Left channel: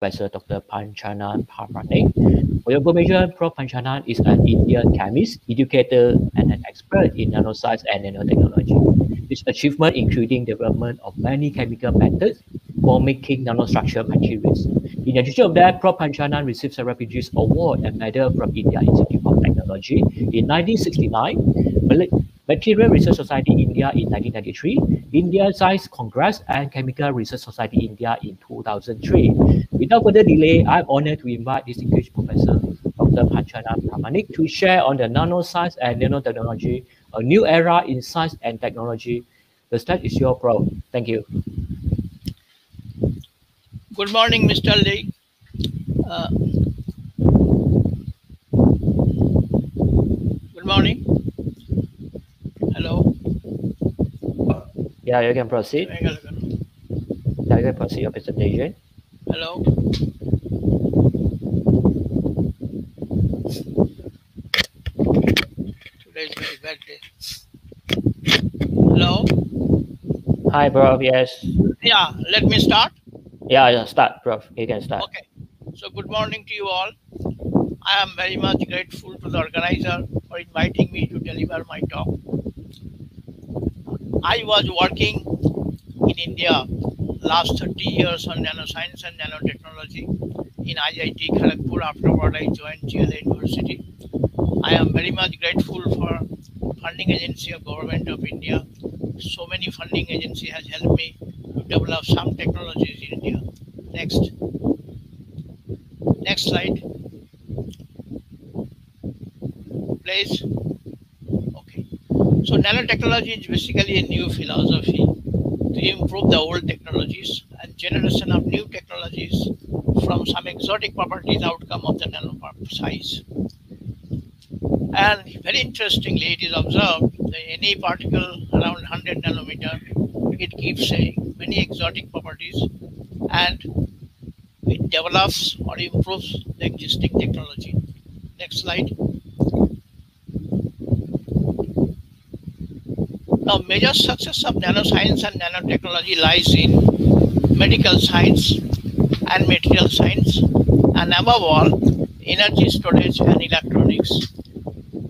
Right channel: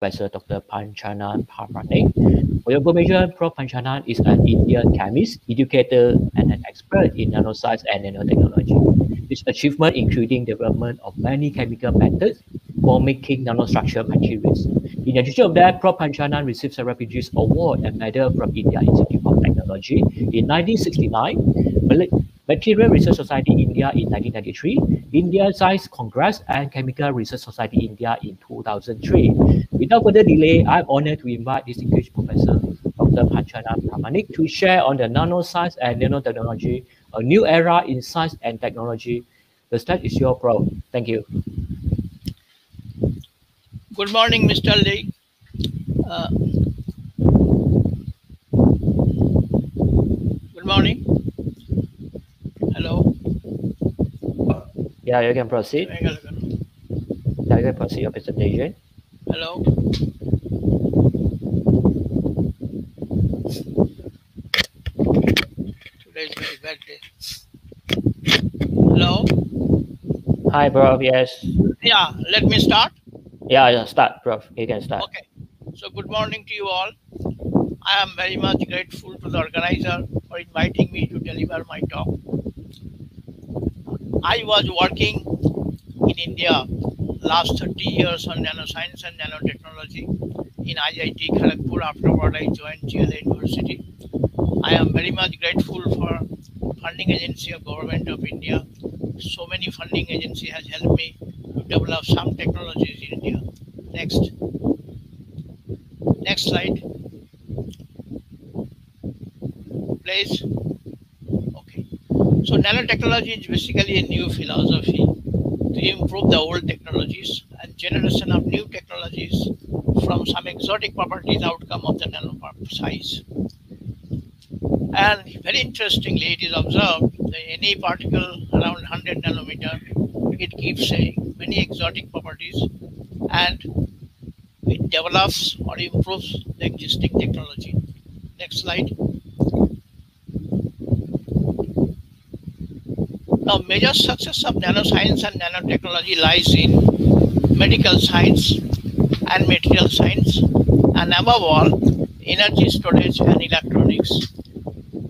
Professor Dr. Panchanan Parmanik. For your information, Prof. Panchanan is an Indian chemist, educator, and an expert in nanoscience and nanotechnology. His achievement including development of many chemical methods for making nanostructured materials. In addition to that, Prof. Panchanan received several prestigious awards and medals from India Institute of Technology in 1969, Material Research Society India in 1993, Indian Science Congress and Chemical Research Society India in 2003. Without further delay, I'm honored to invite distinguished Professor Dr. Panchanan Parmanik to share on the nanoscience and nanotechnology, a new era in science and technology. The stage is your Prof. Thank you. Good morning, Mr. Lee. Good morning. Hello. Yeah, you can proceed. Yeah, you can proceed your presentation. Hello. Today is a very bad day. Hello. Hi, Prof. Yes. Yeah, let me start. Yeah, start, Prof. You can start. Okay. So, good morning to you all. I am very much grateful to the organizer for inviting me to deliver my talk. I was working in India last 30 years on nanoscience and nanotechnology in IIT Kharagpur. Afterward, I joined GLA University. I am very much grateful for funding agency of Government of India. So many funding agency has helped me to develop some technologies in India. Next slide, please. Okay. So nanotechnology is basically a new philosophy to improve the old technologies and generation of new technologies from some exotic properties outcome of the nano size. And very interestingly, it is observed that any particle around 100 nanometer, it keeps many exotic properties and it develops or improves the existing technology. Next slide. Now, major success of nanoscience and nanotechnology lies in medical science and material science, and above all, energy storage and electronics.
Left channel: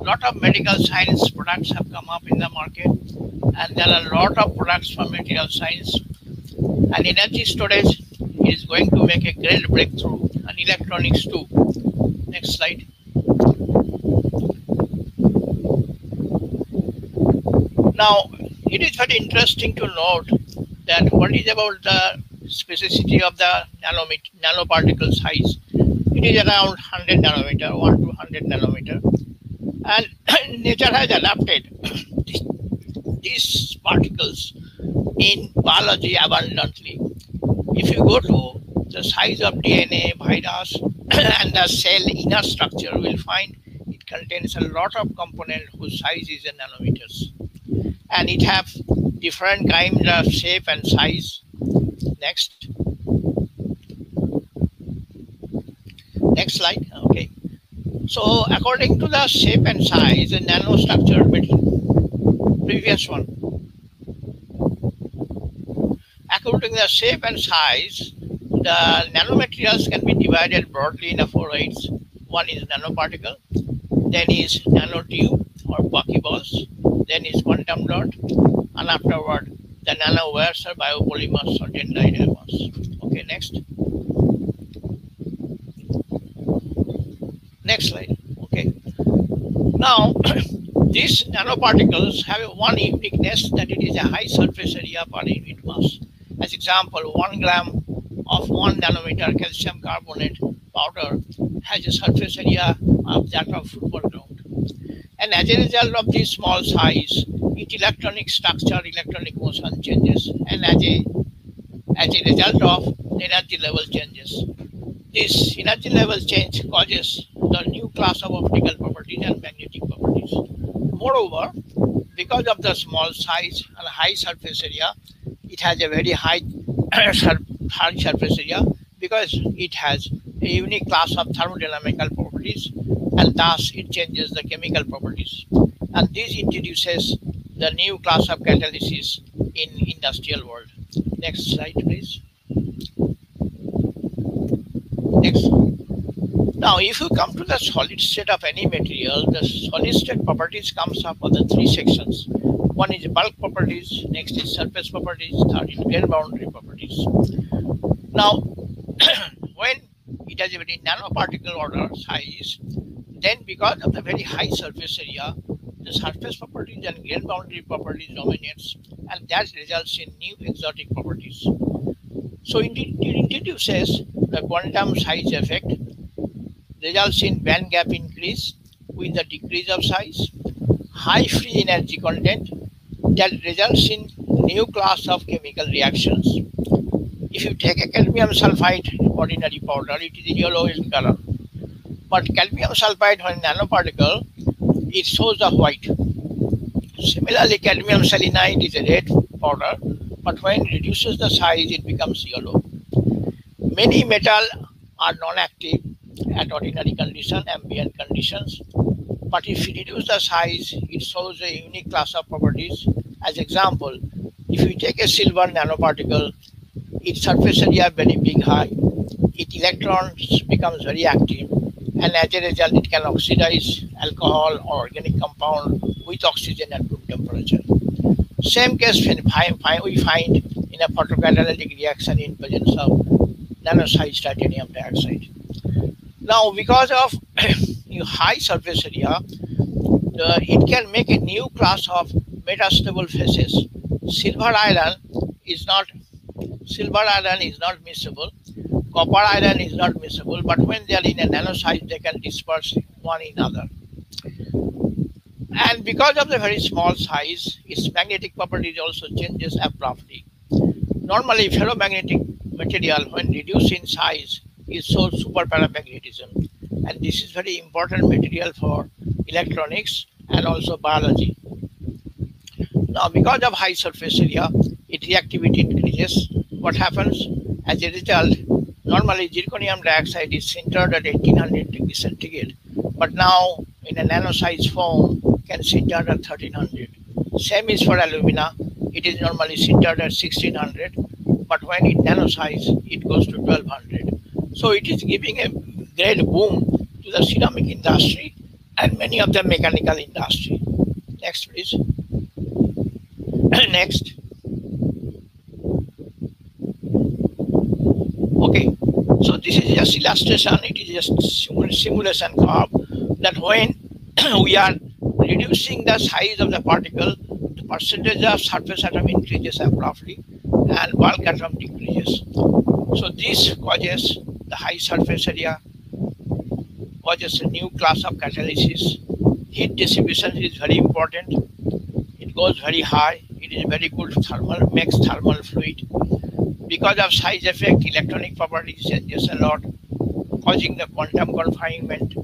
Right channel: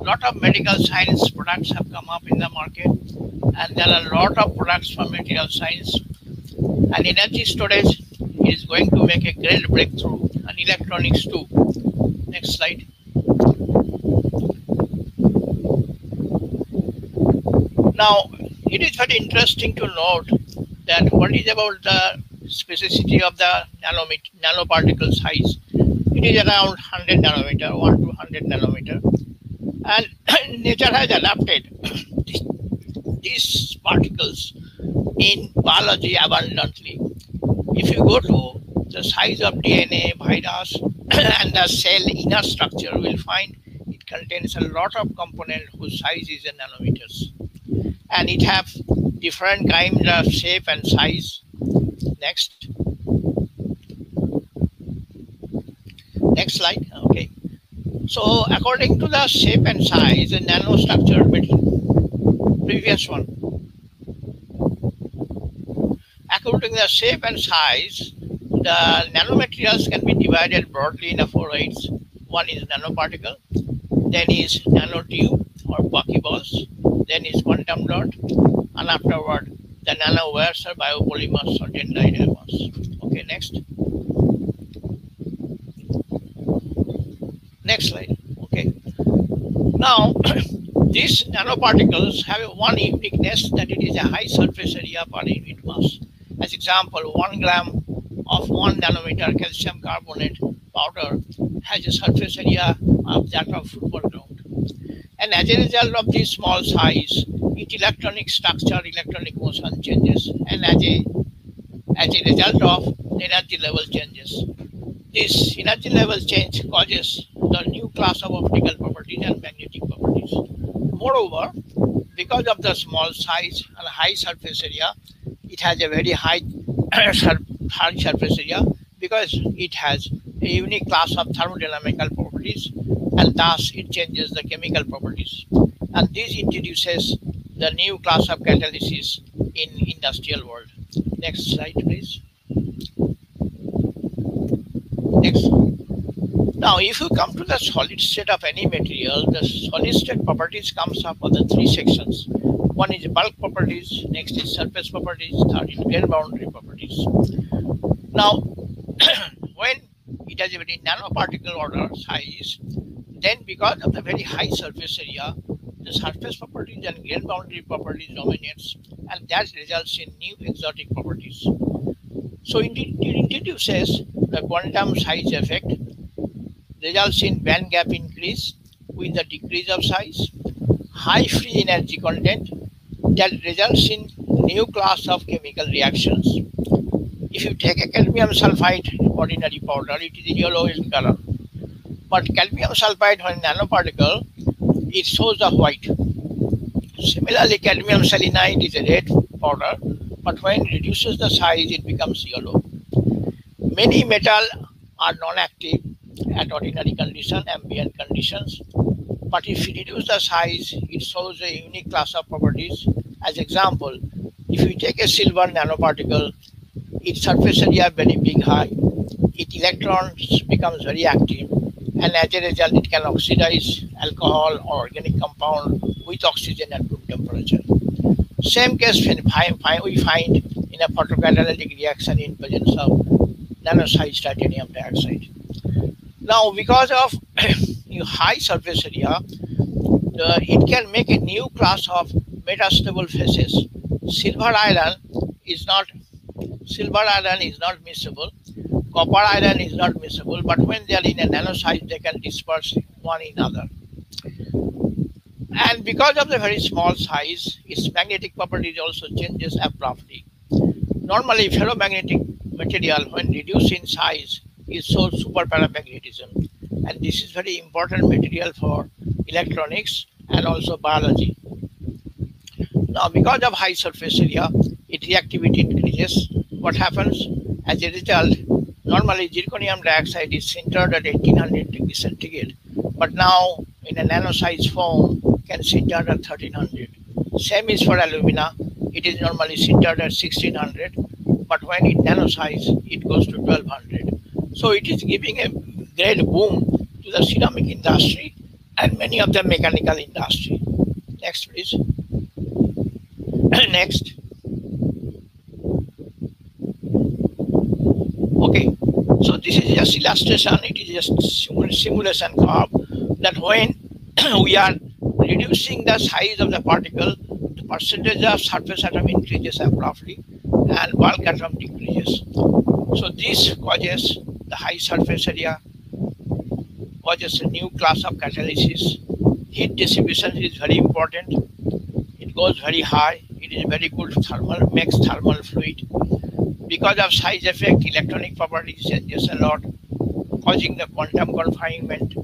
A lot of medical science products have come up in the market, and there are a lot of products from material science. And energy storage is going to make a great breakthrough, and electronics too. Next slide. Now, it is very interesting to note that what is about the specificity of the nanoparticle size. It is around 100 nanometer, 1 to 100 nanometer. And nature has adapted these particles in biology abundantly. If you go to the size of DNA, virus, and the cell inner structure, you will find it contains a lot of components whose size is in nanometers. And it have different kinds of shape and size. Next slide. Okay. So according to the shape and size, the nanostructure, previous one. According to the shape and size, the nanomaterials can be divided broadly in 4 ways. One is nanoparticle, then is nanotube or buckyballs, then is quantum dot, and afterward the nanowires or biopolymers or dendrites. Okay, next. Next slide. Okay. Now, these nanoparticles have one uniqueness, that it is a high surface area per unit mass. As example, 1 gram of 1 nanometer calcium carbonate powder has a surface area of that of football ground. And as a result of this small size, its electronic structure, electronic motion changes, and as a result of energy level changes. This energy level change causes the new class of optical properties and magnetic properties. Moreover, because of the small size and high surface area, it has a very high surface area because it has a unique class of thermodynamical properties, and thus it changes the chemical properties. And this introduces the new class of catalysis in industrial world. Next slide, please. Next. Now, if you come to the solid state of any material, the solid state properties comes up of the three sections. One is bulk properties, next is surface properties, third is grain boundary properties. Now, when it has a very nanoparticle order size, then because of the very high surface area, the surface properties and grain boundary properties dominates, and that results in new exotic properties. So it introduces the quantum size effect, results in band gap increase with the decrease of size, high free energy content that results in new class of chemical reactions. If you take a cadmium sulfide ordinary powder, it is yellow in color. But cadmium sulfide, when nanoparticle, it shows the white. Similarly, cadmium selenide is a red powder, but when it reduces the size, it becomes yellow. Many metals are non-active at ordinary condition, ambient conditions. But if you reduce the size, it shows a unique class of properties. As example, if you take a silver nanoparticle, its surface area very big high, its electrons becomes very active, and as a result, it can oxidize alcohol or organic compound with oxygen at room temperature. Same case we find in a photocatalytic reaction in presence of nanosized titanium dioxide. Now, because of high surface area, it can make a new class of metastable phases. Silver iron is not miscible. Copper iron is not miscible, but when they are in a nano size, they can disperse one in another. And because of the very small size, its magnetic properties also changes abruptly. Normally, ferromagnetic material, when reduced in size, is so superparamagnetism, and this is very important material for electronics and also biology. Now, because of high surface area, its reactivity increases. What happens? As a result, normally zirconium dioxide is sintered at 1800 degrees centigrade, but now in a nano-sized form can sinter at 1300. Same is for alumina. It is normally sintered at 1600, but when it nano-size, it goes to 1200. So it is giving a great boom to the ceramic industry and many of the mechanical industry. Next, please. Next. Okay, so this is just illustration. It is just simulation curve that when we are reducing the size of the particle, the percentage of surface atom increases abruptly and bulk atom decreases. So this causes the high surface area, causes a new class of catalysis. Heat distribution is very important. It goes very high. It is very good thermal, makes thermal fluid. Because of size effect, electronic properties changes a lot, causing the quantum confinement,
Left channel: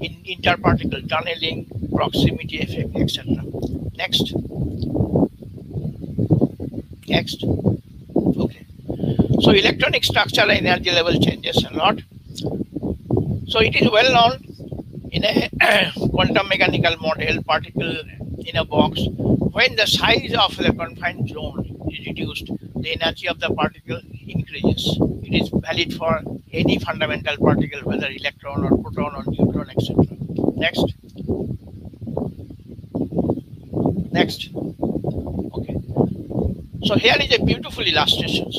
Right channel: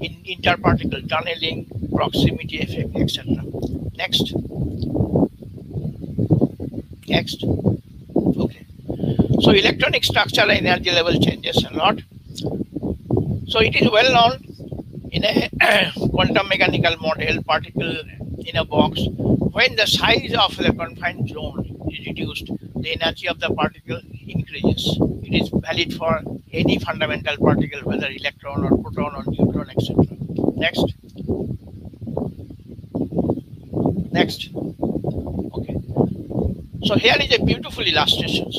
in interparticle tunneling, proximity effect, etc. Next. Next. Okay. So electronic structure and energy level changes a lot. So it is well known in a quantum mechanical model, particle in a box, when the size of the confined zone is reduced, the energy of the particle increases. It is valid for any fundamental particle, whether electron or proton or neutron, etc. Next. Next. Okay. So here is a beautiful illustration.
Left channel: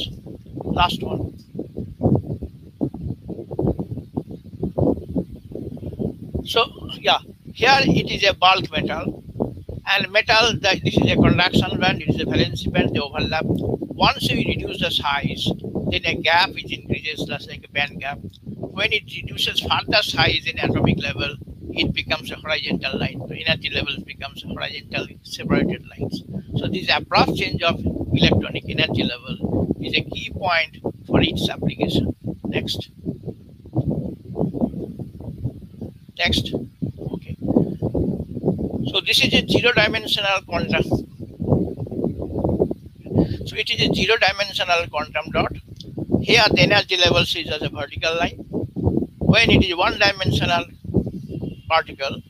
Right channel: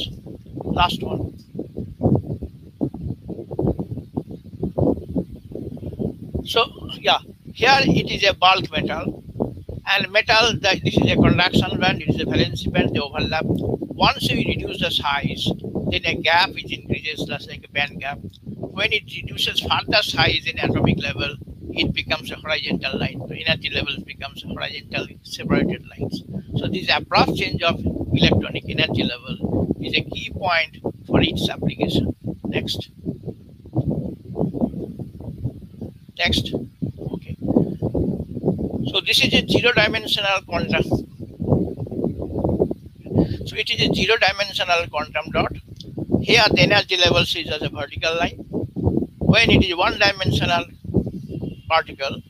Last one. So yeah, here it is a bulk metal. And metal, this is a conduction band, it is a valency band, they overlap. Once you reduce the size, then a gap which increases just like a band gap. When it reduces further size in atomic level, it becomes a horizontal line. The energy levels becomes horizontal separated lines. So this abrupt change of electronic energy level is a key point for its application. Next. Next. Okay. So this is a zero-dimensional quantum. So it is a zero-dimensional quantum dot. Here the energy level is as a vertical line. When it is one-dimensional particle,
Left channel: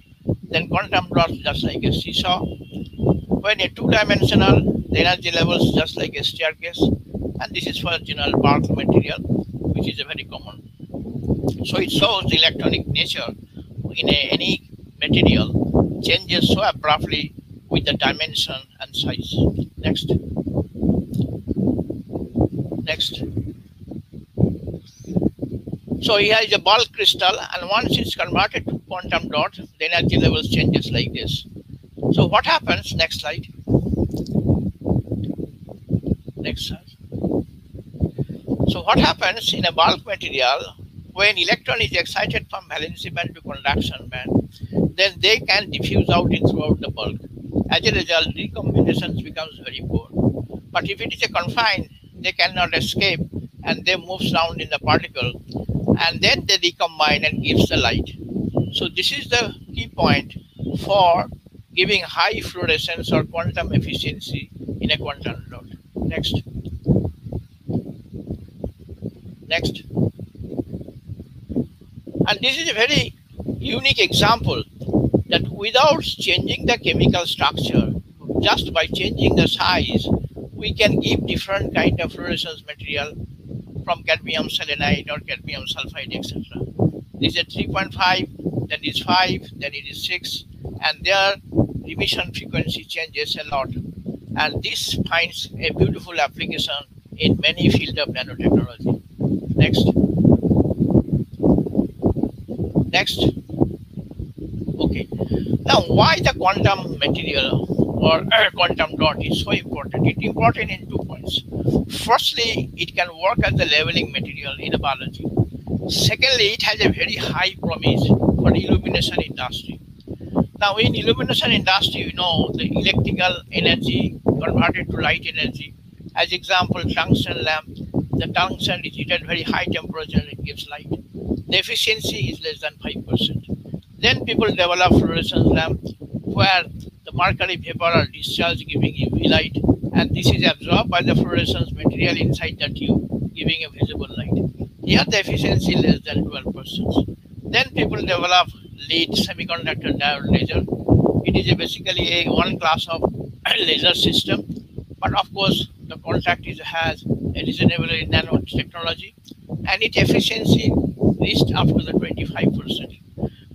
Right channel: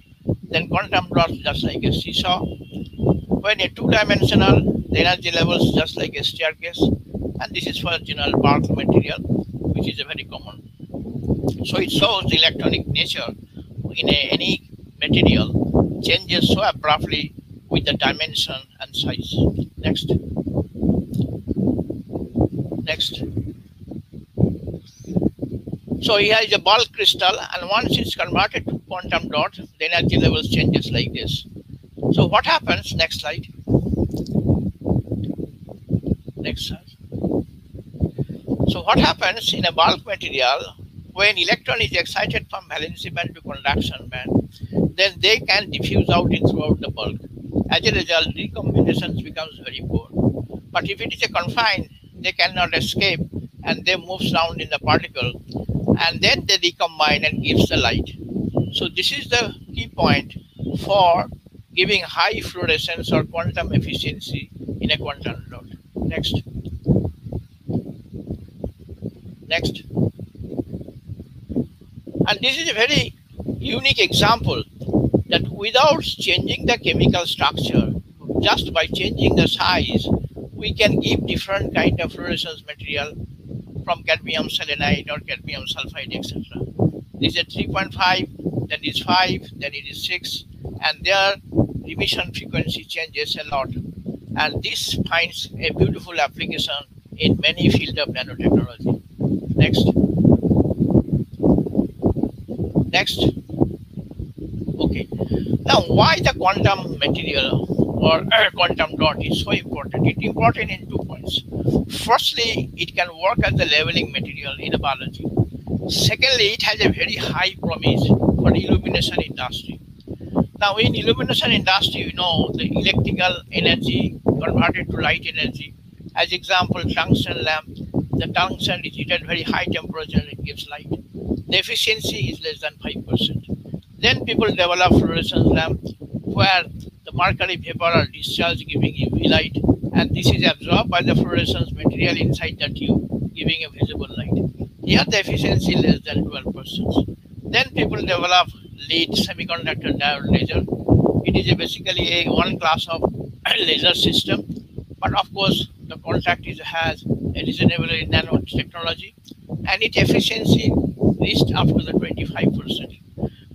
then quantum dot is just like a seesaw. When a two-dimensional, the energy level is just like a staircase. And this is for general bulk material, which is a very common. So it shows the electronic nature in any material changes so abruptly with the dimension and size. Next. Next. So here is a bulk crystal, and once it's converted to quantum dot, the energy levels changes like this. So what happens? Next slide. Next slide. So what happens in a bulk material when electron is excited from valency band to conduction band? Then they can diffuse out in throughout the bulk. As a result, recombinations becomes very poor. But if it is a confined, they cannot escape and they move around in the particle, and then they recombine and gives the light. So this is the key point for giving high fluorescence or quantum efficiency in a quantum dot. Next. Next. And this is a very unique example that without changing the chemical structure, just by changing the size, we can give different kind of fluorescence material from cadmium selenide or cadmium sulfide, etc. This is a 3.5, then it is 5, then it is 6, and their emission frequency changes a lot. And this finds a beautiful application in many fields of nanotechnology. Next. Next. Okay. Now, why the quantum material or quantum dot is so important? It's important in 2 points. Firstly, it can work as a leveling material in a biology. Secondly, it has a very high promise for the illumination industry. Now, in illumination industry, you know, the electrical energy converted to light energy. As example, tungsten lamp. The tungsten is heated at very high temperature and it gives light. The efficiency is less than 5%. Then people develop fluorescence lamp where the mercury vapor are discharged giving UV light, and this is absorbed by the fluorescence material inside the tube giving a visible light. Here the efficiency is less than 12%. Then people develop lead semiconductor diode laser. It is basically a one class of laser system, but of course the contact has a reasonable nanotechnology, and its efficiency reached up to the 25%.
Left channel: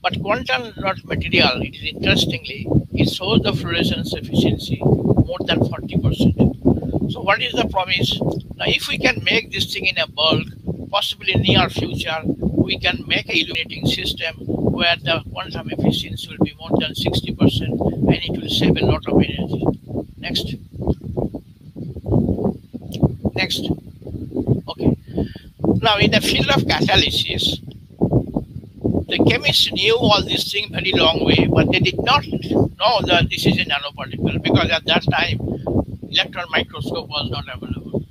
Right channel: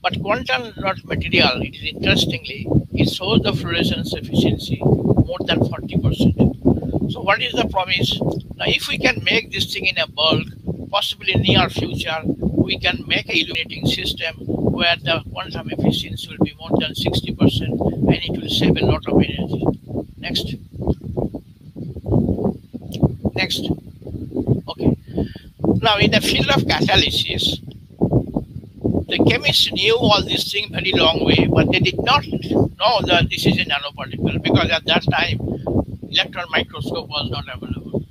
But quantum dot material, it is interestingly, it shows the fluorescence efficiency more than 40%. So what is the promise? Now, if we can make this thing in a bulk, possibly in near future, we can make a illuminating system where the quantum efficiency will be more than 60% and it will save a lot of energy. Next. Next. Okay. Now, in the field of catalysis, the chemists knew all these things very long way, but they did not know that this is a nanoparticle because at that time, electron microscope was not available.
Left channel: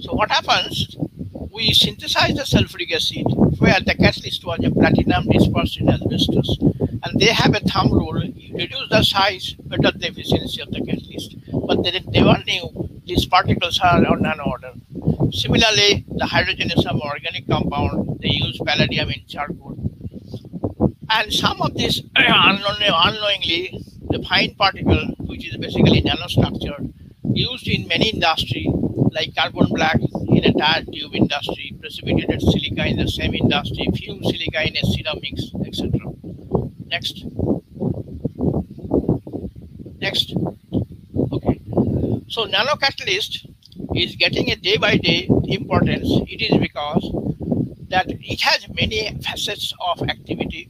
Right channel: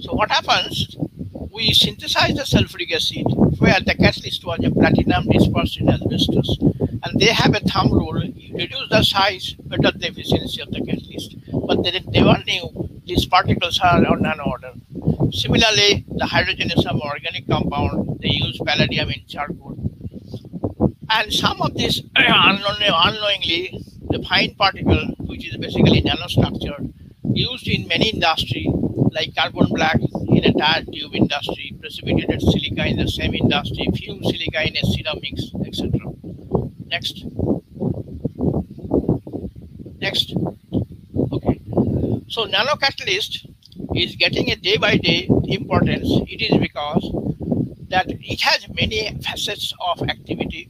So what happens? We synthesize the sulfuric acid where the catalyst was a platinum dispersed in asbestos, and they have a thumb rule: you reduce the size, better the efficiency of the catalyst. But they never knew these particles are on nano order. Similarly, the hydrogenation organic compound, they use palladium in charcoal. And some of this unknowingly, the fine particle, which is basically nanostructure, used in many industry, like carbon black in a tire tube industry, precipitated silica in the same industry, fumed silica in a ceramics, etc. Next. Next. Okay. So nanocatalyst is getting a day by day importance. It is because that it has many facets of activity.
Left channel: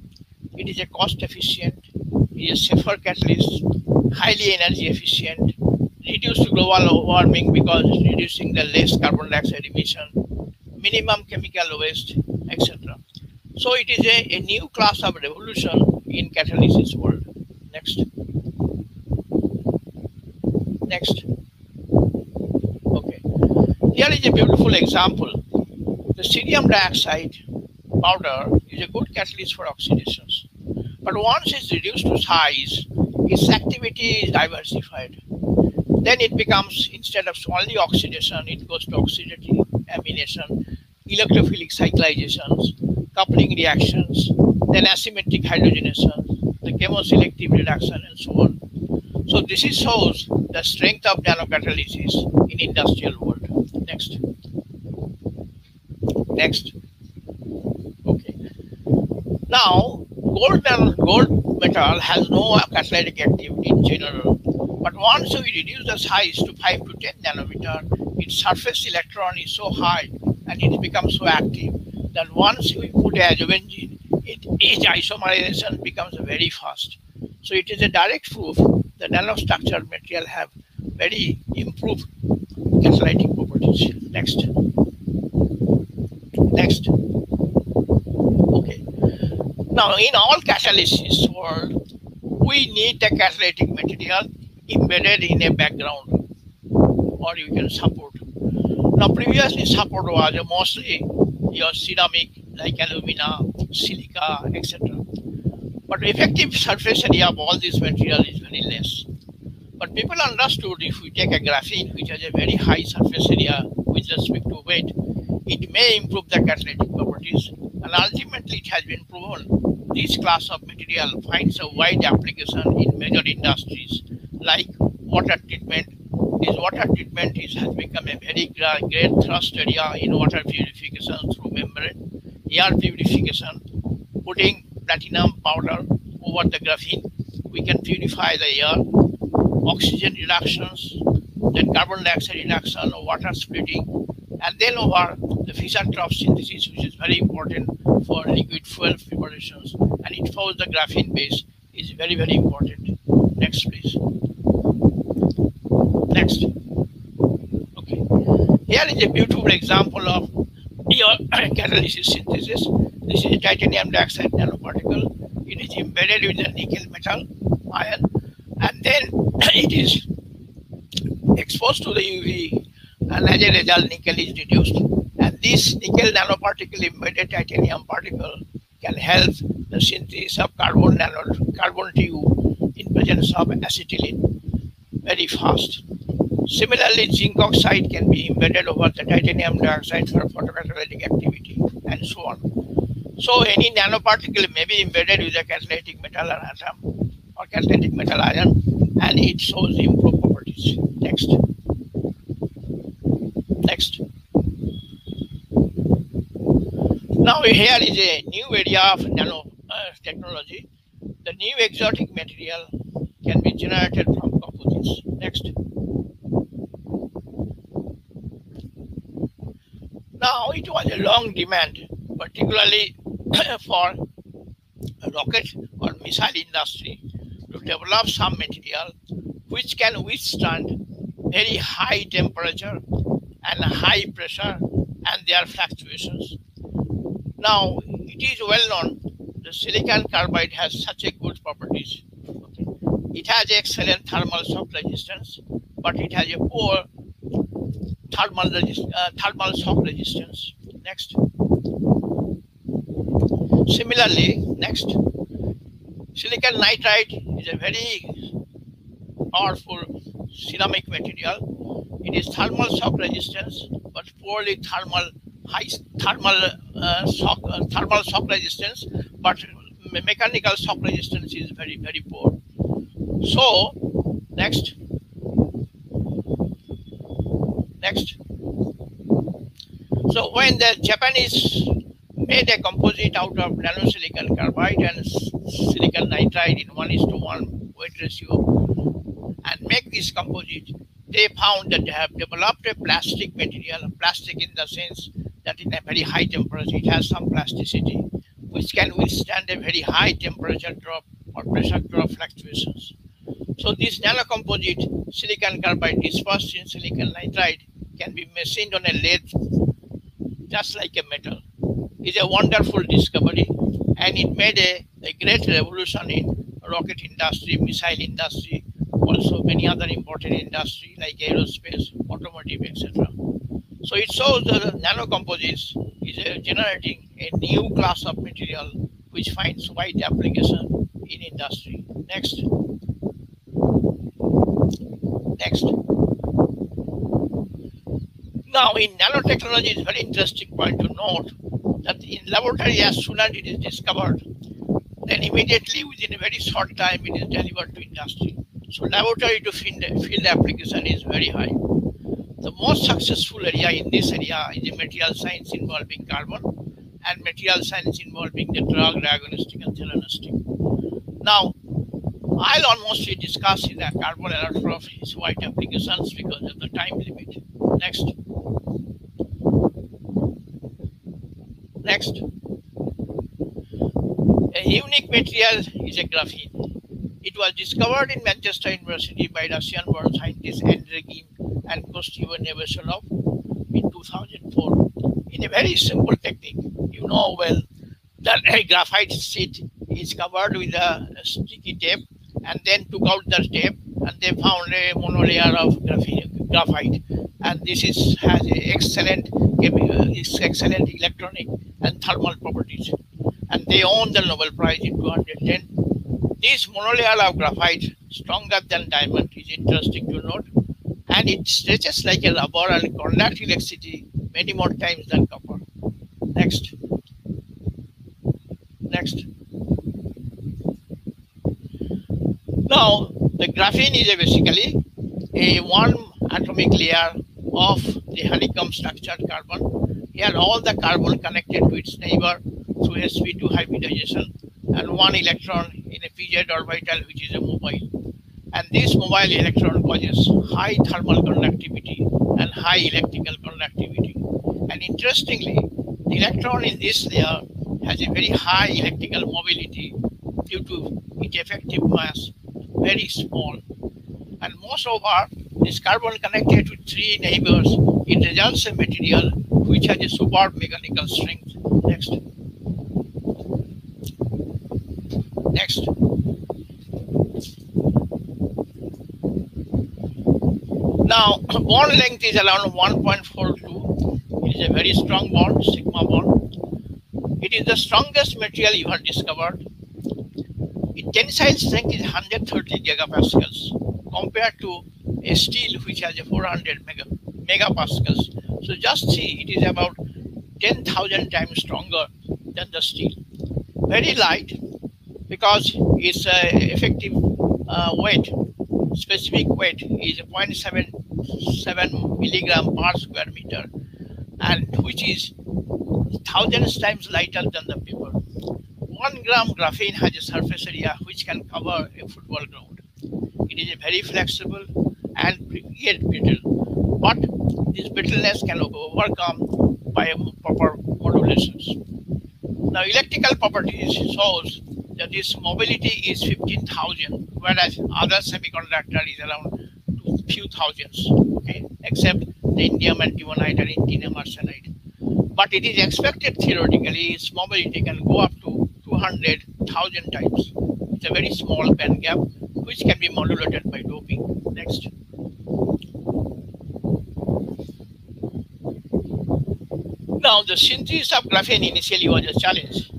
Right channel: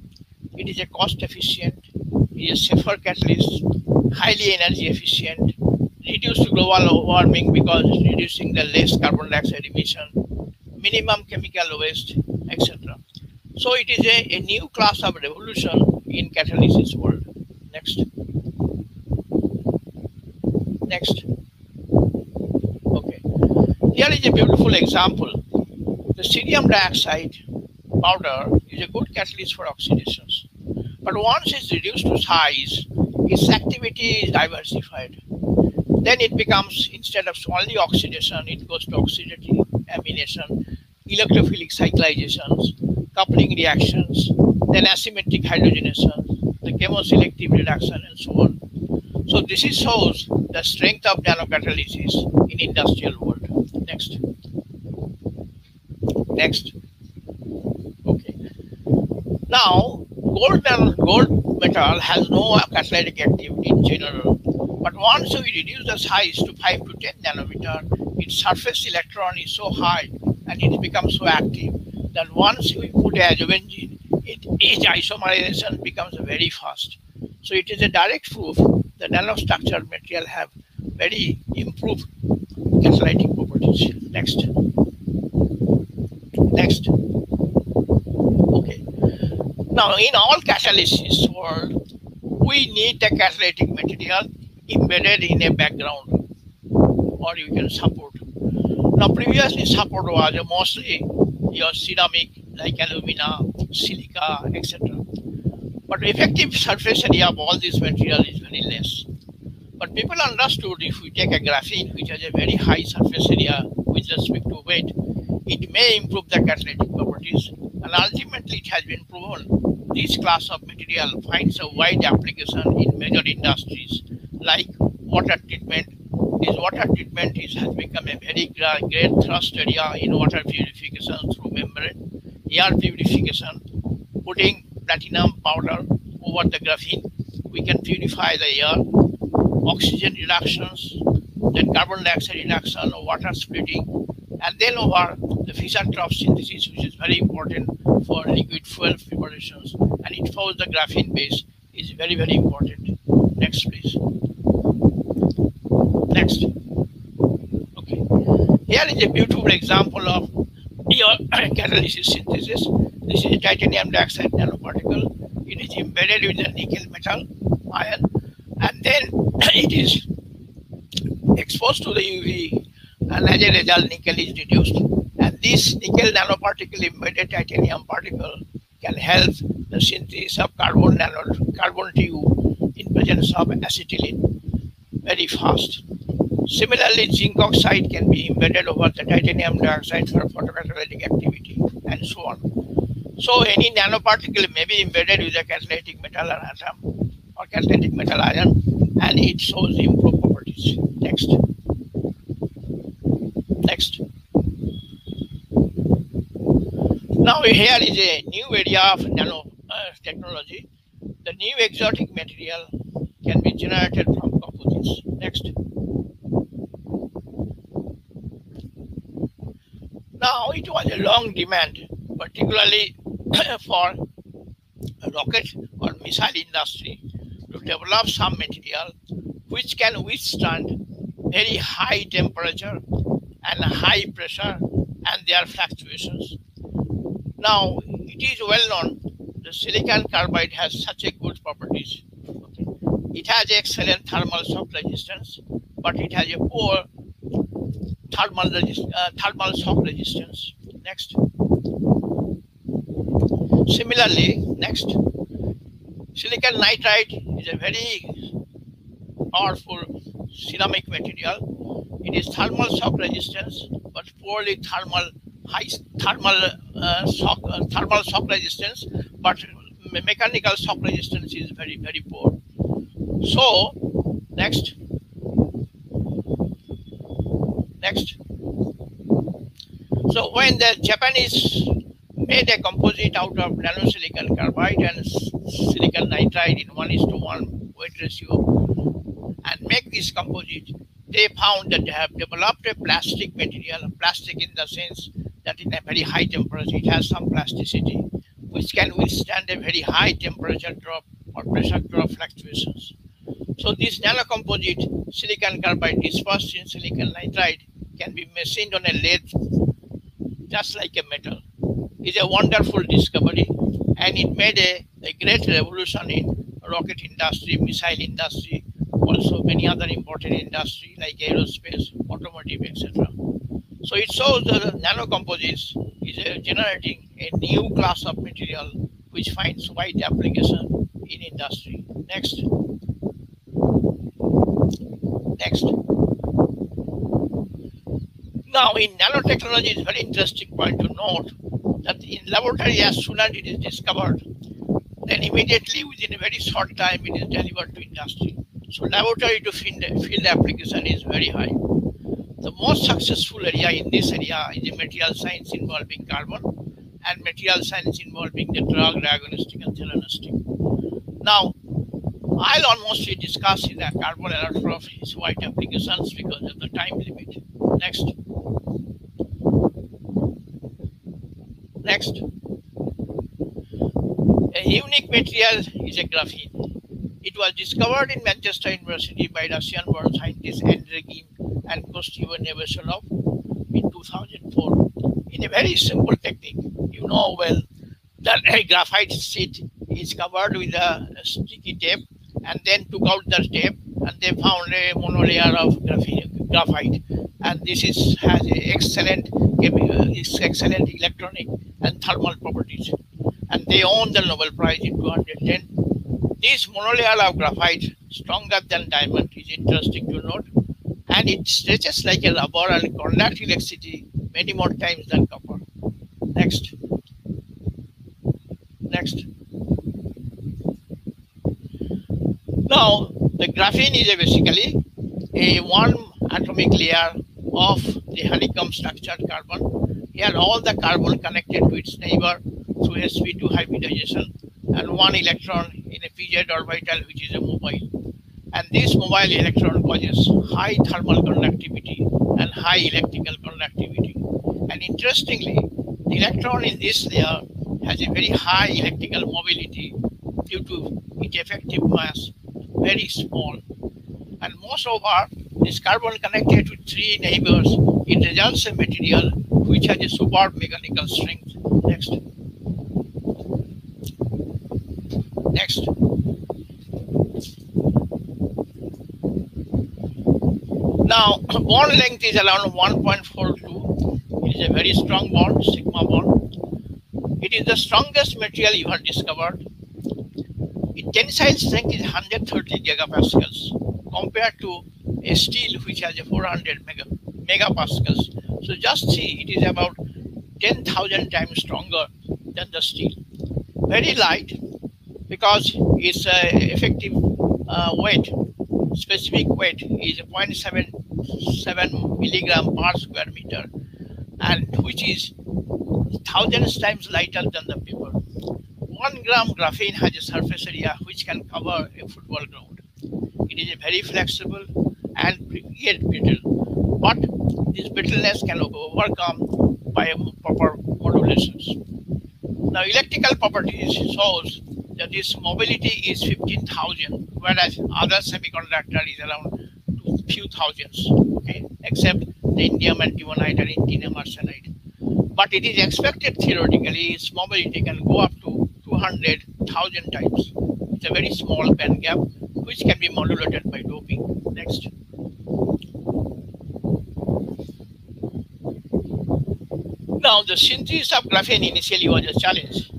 It is a cost efficient, it is a safer catalyst, highly energy efficient, reduce global warming because it's reducing the less carbon dioxide emission, minimum chemical waste, etc. So it is a new class of revolution in catalysis world. Next. Next. Okay. Here is a beautiful example. The cerium dioxide powder is a good catalyst for oxidations. But once it's reduced to size, its activity is diversified. Then it becomes, instead of only oxidation, it goes to oxidative amination, electrophilic cyclizations, coupling reactions, then asymmetric hydrogenation, the chemoselective reduction, and so on. So this shows the strength of nanocatalysis in industrial world. Next. Next. Okay. Now, gold metal has no catalytic activity in general, but once we reduce the size to 5 to 10 nanometer, its surface electron is so high and it becomes so active that once we put a benzene, its isomerization becomes very fast. So it is a direct proof the nanostructured material have very improved catalytic properties. Next. Okay. Now, in all catalysis world, we need the catalytic material embedded in a background, or you can support. Now, previously support was mostly your ceramic like alumina, silica, etc. But effective surface area of all this material is very less. But people understood if we take a graphene which has a very high surface area with respect to weight, it may improve the catalytic properties, and ultimately it has been proven this class of material finds a wide application in major industries like water treatment. This water treatment has become a very great thrust area in water purification through membrane, air purification, putting platinum powder over the graphene. We can purify the air, oxygen reductions, then carbon dioxide reduction, water splitting, and then over the Fischer-Tropsch synthesis, which is very important for liquid fuel preparations, and it follows the graphene base is very, very important. Next, please. Next. Okay. Here is a beautiful example of your catalysis synthesis. This is a titanium dioxide nanoparticle. It is embedded with a nickel metal ion, and then it is exposed to the UV, and as a result, nickel is reduced. And this nickel nanoparticle embedded titanium particle can help the synthesis of carbon tube in presence of acetylene very fast. Similarly, zinc oxide can be embedded over the titanium dioxide for photocatalytic activity, and so on. So any nanoparticle may be embedded with a catalytic metal atom or catalytic metal ion, and it shows improved properties. Next. Next. Now here is a new area of nanotechnology. The new exotic material can be generated from composites. Next. Now it was a long demand, particularly for rocket or missile industry, to develop some material which can withstand very high temperature and high pressure and their fluctuations. Now it is well known the silicon carbide has such a good properties. Okay. It has excellent thermal shock resistance, but it has a poor thermal shock resistance. Next. Similarly, next, silicon nitride is a very powerful ceramic material. It is thermal shock resistance, but poorly thermal shock resistance, but mechanical shock resistance is very, very poor. So, next. So when the Japanese made a composite out of nanosilicon carbide and silicon nitride in 1:1 weight ratio and make this composite, they found that they have developed a plastic material, plastic in the sense that in a very high temperature it has some plasticity which can withstand a very high temperature drop or pressure drop fluctuations. So this nanocomposite silicon carbide dispersed in silicon nitride can be machined on a lathe just like a metal. It's a wonderful discovery, and it made a great revolution in rocket industry, missile industry, also many other important industry like aerospace, automotive, etc. So it shows that nanocomposites is generating a new class of material which finds wide application in industry. Next. Next. Now, in nanotechnology, it's very interesting point to note that in laboratory, as soon as it is discovered, then immediately within a very short time, it is delivered to industry. So laboratory to field application is very high. The most successful area in this area is the material science involving carbon, and material science involving the drug, diagnostic, and theranostic. Now, I'll almost discuss in the carbon electrode of its wide applications because of the time limit. Next. Next. A unique material is a graphene. It was discovered in Manchester University by Russian-born scientists Andrei Kim and Kostyeva Nevesolov in 2004. In a very simple technique, you know well that a graphite sheet is covered with a sticky tape, and then took out the tape, and they found a monolayer of graphite, and this has excellent electronic and thermal properties, and they won the Nobel Prize in 2010. This monolayer of graphite, stronger than diamond, is interesting to note, and it stretches like a rubber and conducts electricity many more times than copper. Next. Next. Now, the graphene is basically a one atomic layer of the honeycomb structured carbon. Here, all the carbon connected to its neighbor through sp2 hybridization, and one electron in a pz orbital, which is a mobile. And this mobile electron causes high thermal conductivity and high electrical conductivity. And interestingly, the electron in this layer has a very high electrical mobility due to its effective mass, very small. And moreover, this carbon connected to three neighbors, it results a material which has a superb mechanical strength. Next. Next. Now, bond length is around 1.42. It is a very strong bond, sigma bond. It is the strongest material ever discovered. Its tensile strength is 130 gigapascals compared to a steel which has a 400 megapascals. So just see, it is about 10,000 times stronger than the steel. Very light because its effective weight, specific weight is 0.77 milligram per square meter, and which is thousands times lighter than the paper. 1 gram graphene has a surface area which can cover a football ground. It is very flexible and yet brittle, but this brittleness can be overcome by proper modulations. Now, electrical properties shows that this mobility is 15,000, whereas other semiconductor is around few thousands, okay, except the indium antimonide and indium arsenide. But it is expected theoretically its mobility can go up to 200,000 times. It's a very small band gap which can be modulated by doping. Next. Now, the synthesis of graphene initially was a challenge.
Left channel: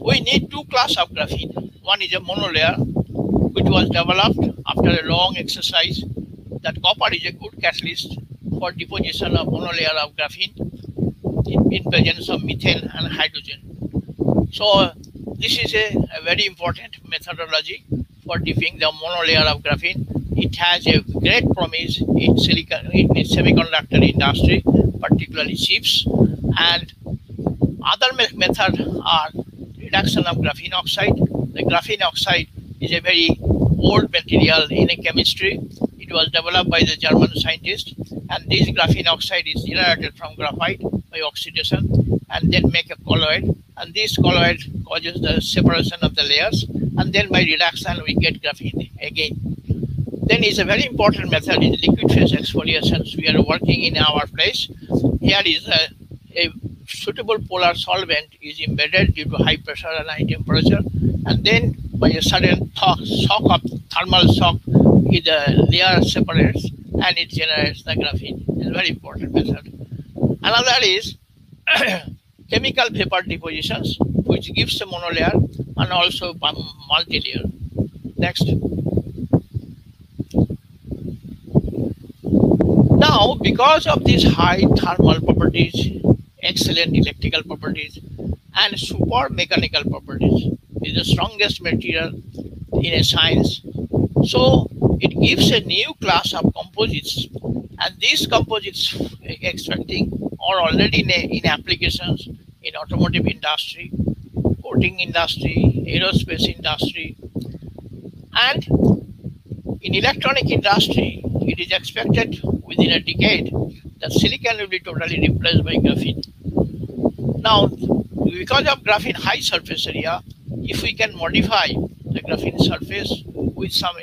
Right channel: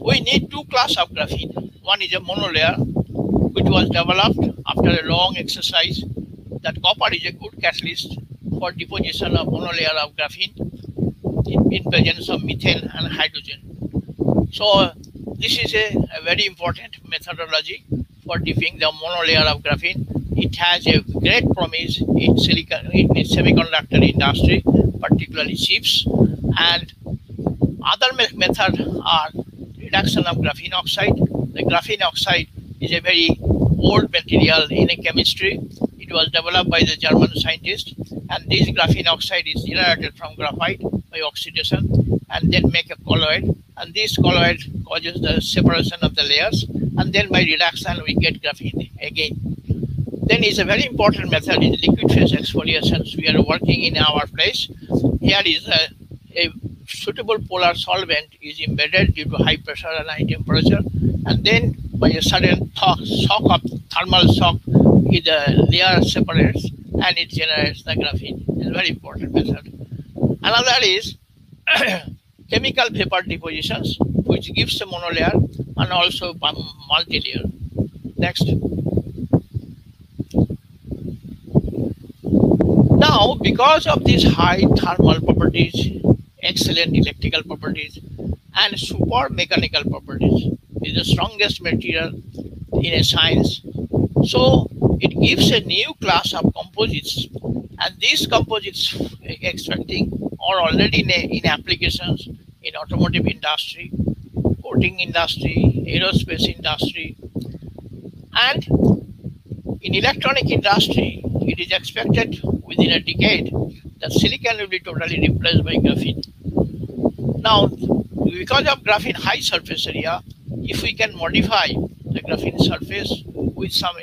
We need two classes of graphene. One is a monolayer, which was developed after a long exercise that copper is a good catalyst for deposition of monolayer of graphene in presence of methane and hydrogen. So this is a very important methodology for dipping the monolayer of graphene. It has a great promise in semiconductor industry, particularly chips, and other methods are reduction of graphene oxide. The graphene oxide is a very old material in a chemistry. It was developed by the German scientists, and this graphene oxide is generated from graphite by oxidation and then make a colloid, and this colloid causes the separation of the layers, and then by reduction we get graphene again. Then is a very important method is liquid phase exfoliations. We are working in our place. Here is a suitable polar solvent is embedded due to high pressure and high temperature, and then by a sudden thermal shock, the layer separates and it generates the graphene. It's a very important method. Another is chemical vapor depositions, which gives a monolayer and also multi-layer. Next. Now, because of these high thermal properties, excellent electrical properties, and super mechanical properties, is the strongest material in a science. So it gives a new class of composites, and these composites expecting are already in applications in automotive industry, coating industry, aerospace industry, and in electronic industry, it is expected within a decade that silicon will be totally replaced by graphene. Now, because of graphene high surface area, if we can modify the graphene surface with some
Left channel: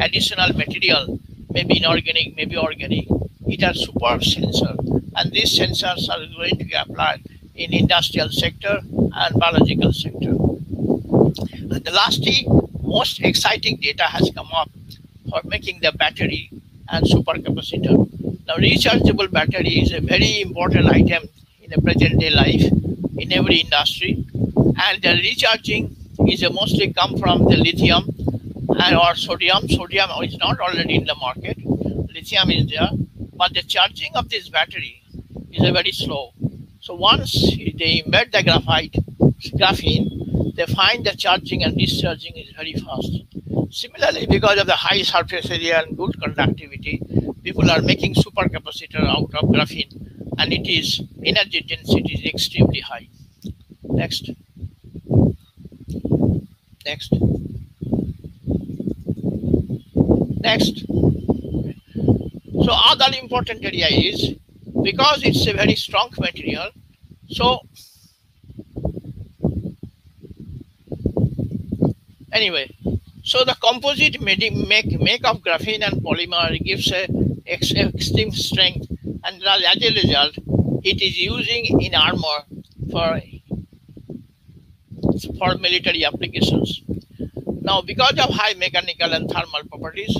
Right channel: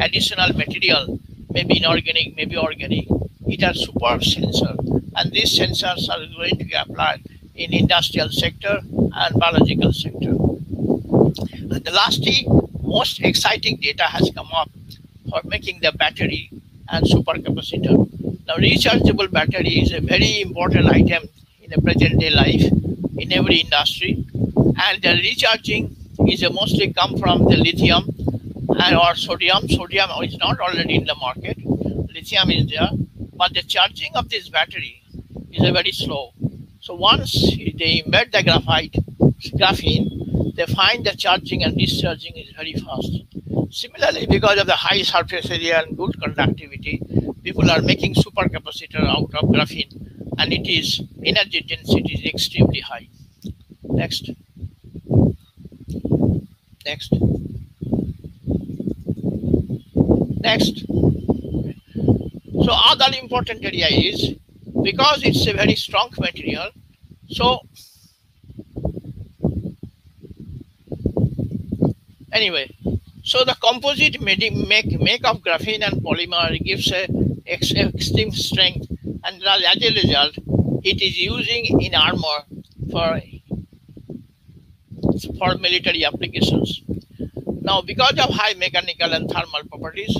additional material, maybe inorganic, maybe organic, it has superb sensor, and these sensors are going to be applied in industrial sector and biological sector. And the lastly, most exciting data has come up for making the battery and supercapacitor. Now, rechargeable battery is a very important item in a present day life in every industry, and the recharging is mostly come from the lithium and or sodium. Sodium is not already in the market. Lithium is there, but the charging of this battery is very slow. So once they embed the graphene, they find the charging and discharging is very fast. Similarly, because of the high surface area and good conductivity, people are making supercapacitor out of graphene, and it is energy density is extremely high. Next. Next. Next. So other important area is, because it's a very strong material, so anyway, so the composite make of graphene and polymer gives a extreme strength, and as a result, it is using in armor for military applications. Now, because of high mechanical and thermal properties,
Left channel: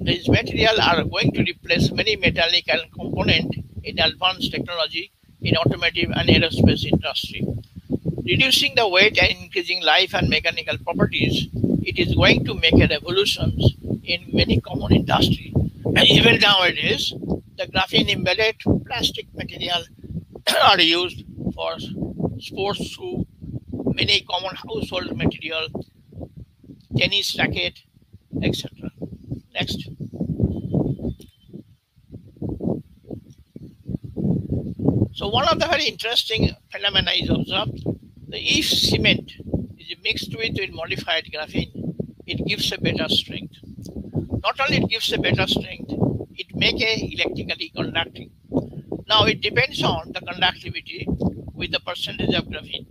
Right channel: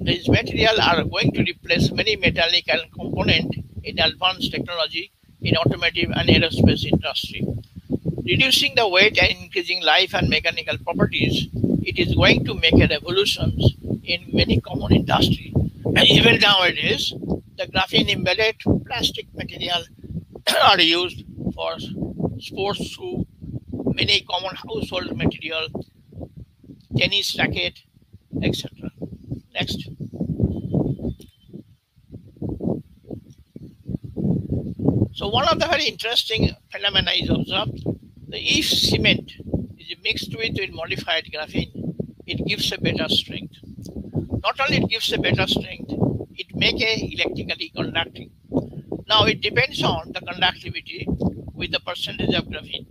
these materials are going to replace many mechanical components in advanced technology in automotive and aerospace industry. Reducing the weight and increasing life and mechanical properties, it is going to make a revolution in many common industry. And even nowadays, the graphene embedded plastic material are used for sports shoe, many common household material, tennis racket, etc. Next. So one of the very interesting phenomena is observed. If cement is mixed with modified graphene, it gives a better strength. Not only it gives a better strength, it makes a electrically conducting. Now it depends on the conductivity with the percentage of graphene.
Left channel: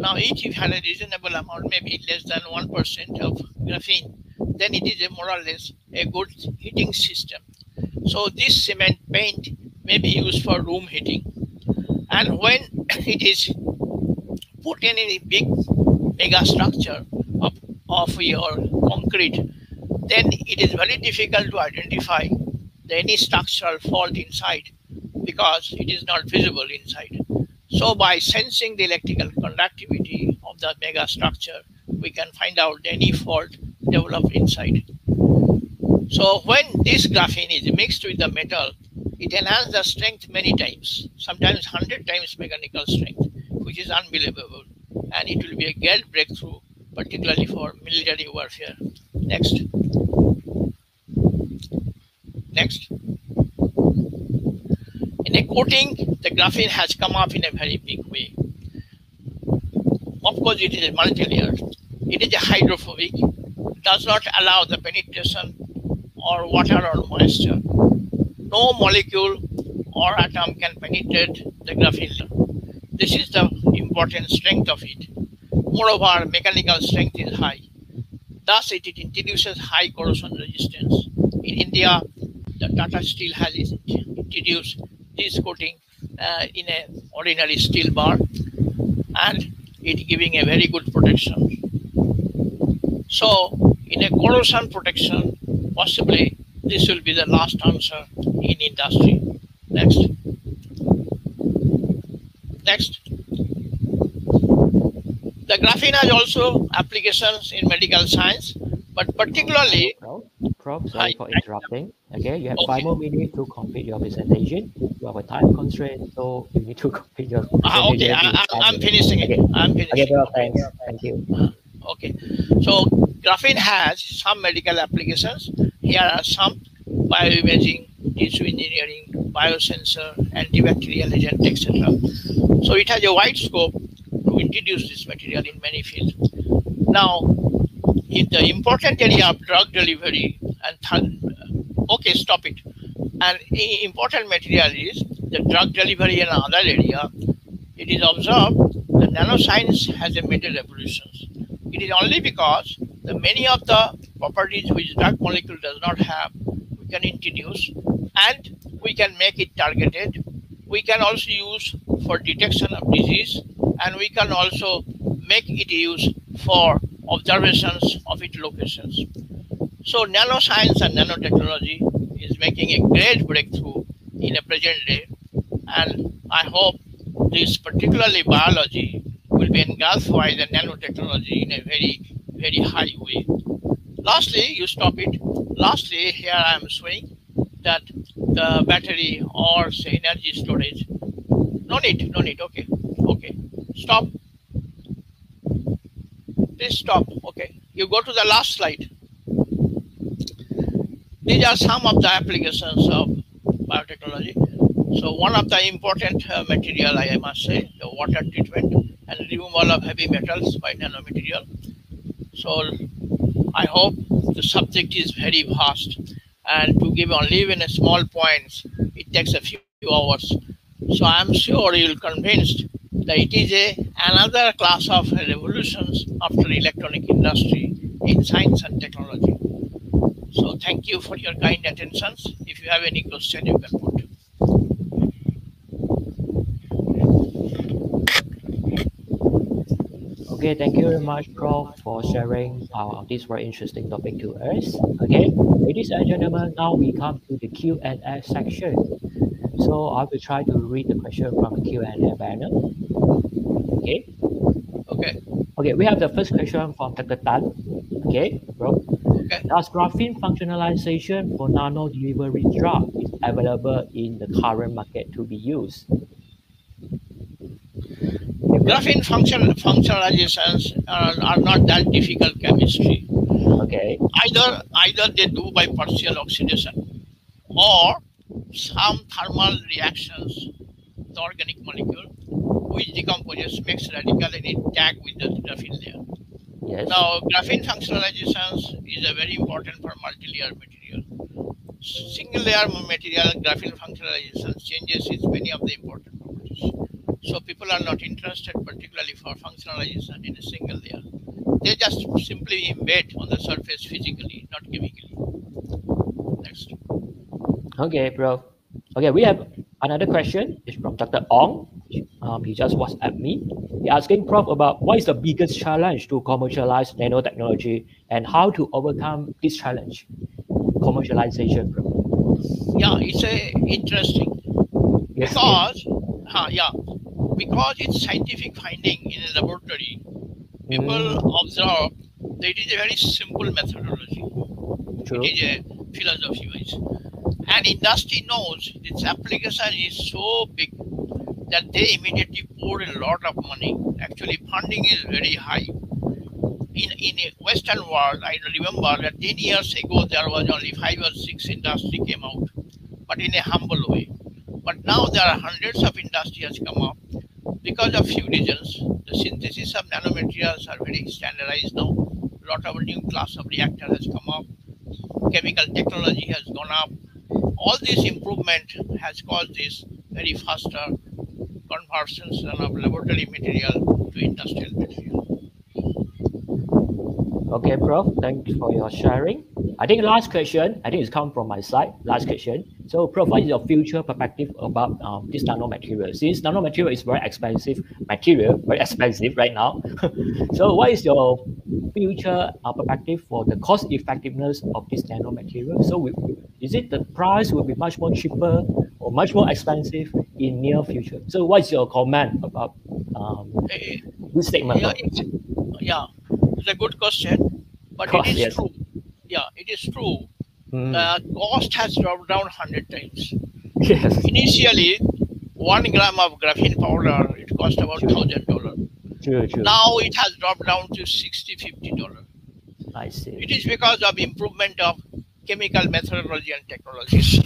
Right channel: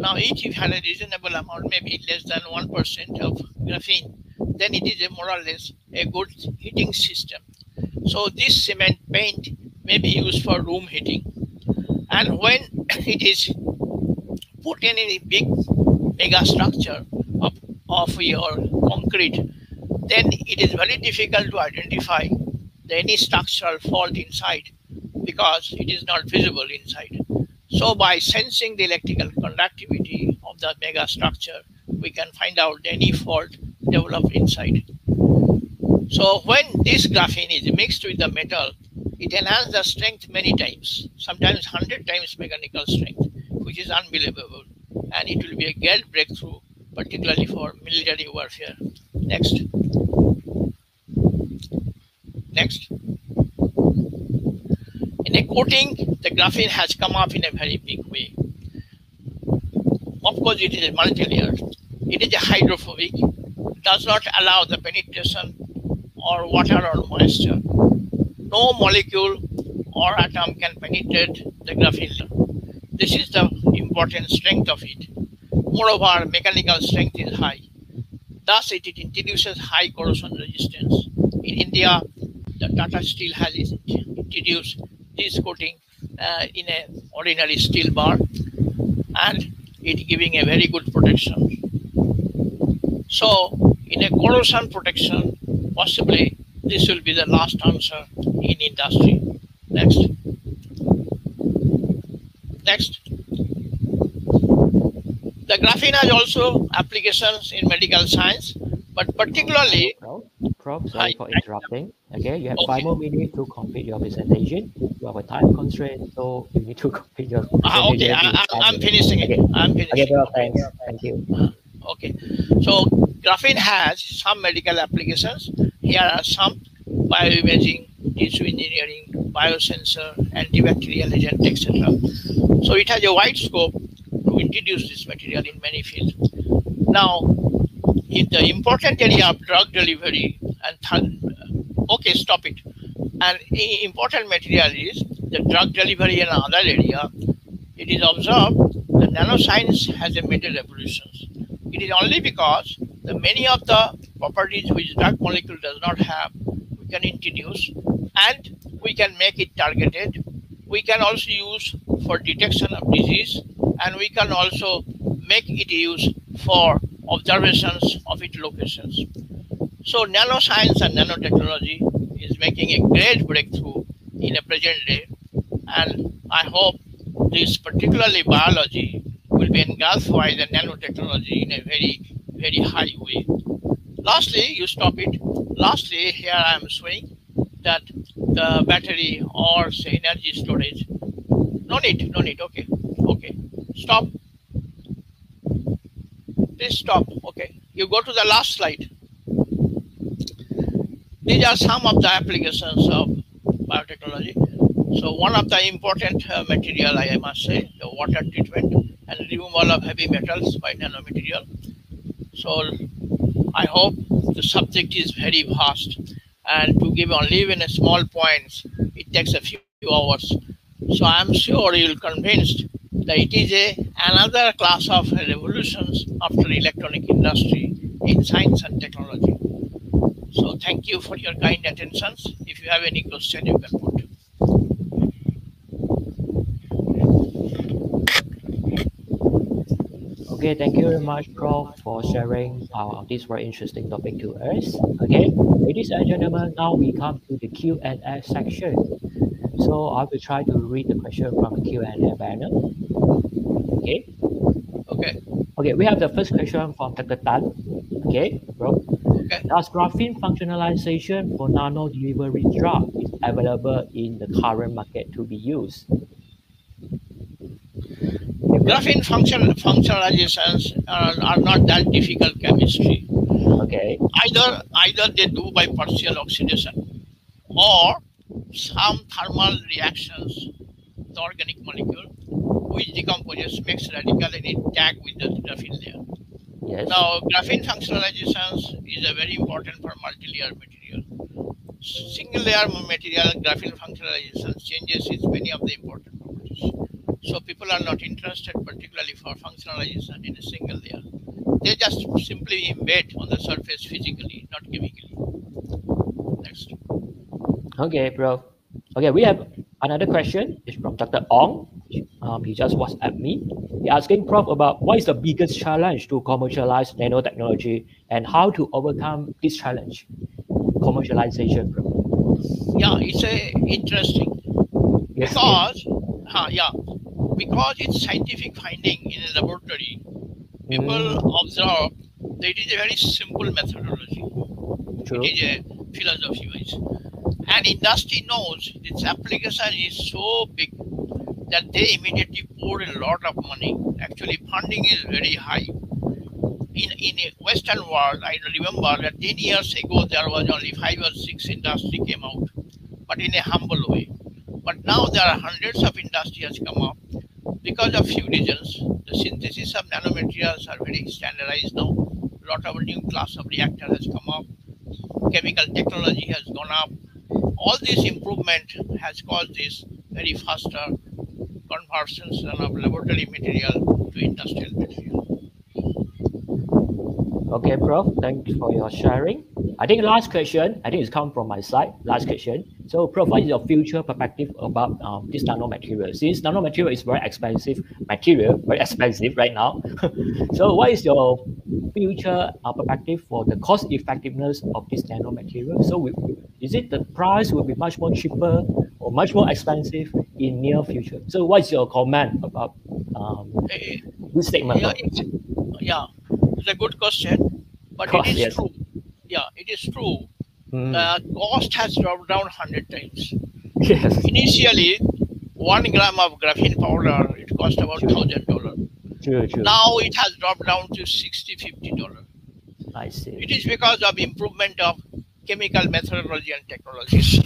Now if you have a reasonable amount, maybe less than 1% of graphene, then it is more or less a good heating system. So this cement paint may be used for room heating. And when it is put in a big mega structure of your concrete, then it is very difficult to identify any structural fault inside because it is not visible inside. So by sensing the electrical conductivity of the mega structure, we can find out any fault developed inside. So when this graphene is mixed with the metal, it enhances the strength many times, sometimes 100 times mechanical strength, which is unbelievable. And it will be a great breakthrough, particularly for military warfare. Next. Next. In a coating, the graphene has come up in a very big way. Of course, it is multi-layered. It is a hydrophobic, does not allow the penetration or water or moisture. No molecule or atom can penetrate the graphene. This is the important strength of it. Moreover, mechanical strength is high. Thus, it introduces high corrosion resistance. In India, the Tata Steel has introduced this coating in an ordinary steel bar, and it giving a very good protection. So, in a corrosion protection, possibly this will be the last answer in industry. Next. Next. The graphene has also applications in medical science, but particularly... Prof, sorry for interrupting. Okay, you have 5 more minutes to complete your presentation. You have a time constraint, so you need to complete your presentation. Okay, I'm finishing it. Okay. I'm finishing. Okay, well, thanks. Thank you. Okay, so graphene has some medical applications. Here are some: bioimaging, tissue engineering, biosensor, antibacterial agent, etc. So it has a wide scope to introduce this material in many fields. Now, in the important area of drug delivery okay, stop it. An important material is the drug delivery in another area. It is observed that nanoscience has made a revolution. It is only because the many of the properties which drug molecule does not have, we can introduce, and we can make it targeted. We can also use for detection of disease, and we can also make it used for observations of its locations. So nanoscience and nanotechnology is making a great breakthrough in a present day, and I hope this particularly biology will be engulfed by the nanotechnology in a very, very high way. Lastly, you stop it. Lastly, here I am showing that the battery or say energy storage. No need, okay, stop. Please stop, okay. You go to the last slide. These are some of the applications of biotechnology. So one of the important material, I must say, the water treatment and removal of heavy metals by nanomaterial. So I hope the subject is very vast, and to give only even a small points, it takes a few hours. So I'm sure you'll convinced that it is another class of revolutions after electronic industry in science and technology. So thank you for your kind attention. If you have any question, you can put. Okay, thank you very much, Prof, for sharing this very interesting topic to us. Okay, ladies and gentlemen, now we come to the Q&A section. So I will try to read the question from the Q&A banner. Okay. Okay, we have the first question from Dr. Tan. Okay, bro. Okay. Does graphene functionalization for nano delivery drug is available in the current market to be used? Graphene functionalizations are not that difficult chemistry. Okay. Either they do by partial oxidation or some thermal reactions, the organic molecule, which decomposes, makes radical and it tag with the graphene layer. Yes. Now, graphene functionalizations is a very important for multi-layer material. Single layer material, graphene functionalization changes its many of the important properties. So people are not interested particularly for functionalization in a single layer. They just simply embed on the surface physically, not chemically. Next. Okay, bro. Okay, we have another question. It's from Dr. Ong. He just WhatsApp me. He asking Prof about what is the biggest challenge to commercialize nanotechnology and how to overcome this challenge. Commercialization, bro. Yeah, it's interesting. Yes, because it's scientific finding in a laboratory. People observe that it is a very simple methodology. True. It is a philosophy wise. And industry knows its application is so big that they immediately pour a lot of money. Actually, funding is very high. In a Western world, I remember that 10 years ago, there was only 5 or 6 industry came out, but in a humble way. But now there are hundreds of industries come up because of few reasons. The synthesis of nanomaterials are very standardized now. A lot of new class of reactor has come up. Chemical technology has gone up. All this improvement has caused this very faster conversions of laboratory material to industrial material. Okay, Prof. Thanks for your sharing. I think last question, it's come from my side. Last question. So, Prof, what is your future perspective about this nanomaterial? Since nanomaterial is very expensive material, very expensive right now. So, what is your future perspective for the cost effectiveness of this nanomaterial? So, is it the price will be much more cheaper or much more expensive in near future? So, what is your comment about this statement? It's a good question, but it is true. Yeah, it is true. The cost has dropped down 100 times. Yes. Initially, 1 gram of graphene powder, it cost about $1,000. True. Now it has dropped down to $60, $50. I see. It is because of improvement of chemical methodology and technologies.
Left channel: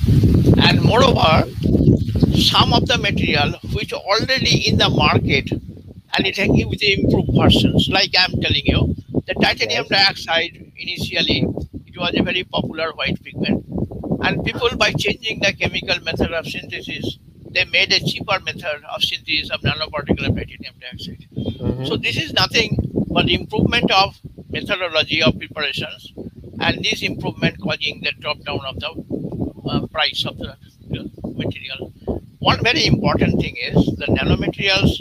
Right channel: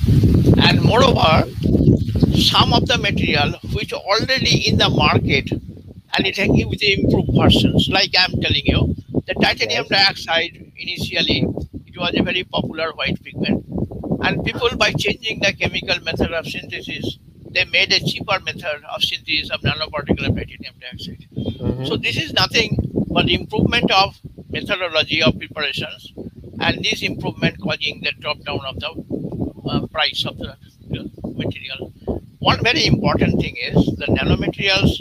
And moreover, some of the material which are already in the market and it with the improved versions, like I'm telling you, the titanium Yes. dioxide initially it was a very popular white pigment, and people by changing the chemical method of synthesis, they made a cheaper method of synthesis of nanoparticle of titanium dioxide. So Mm-hmm. this is nothing but improvement of methodology of preparations, and this improvement causing the drop down of the price of the material. One very important thing is the nanomaterials.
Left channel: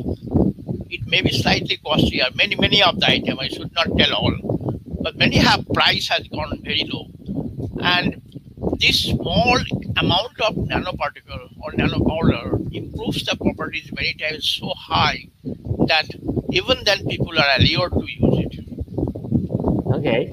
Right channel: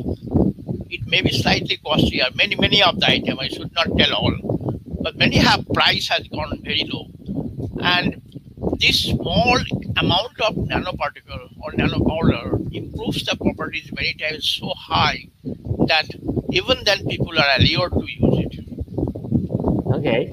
It may be slightly costlier. Many of the item I should not tell all, but many have price has gone very low, and this small amount of nanoparticle or nanopowder improves the properties many times so high that even then people are allured to use it. Okay.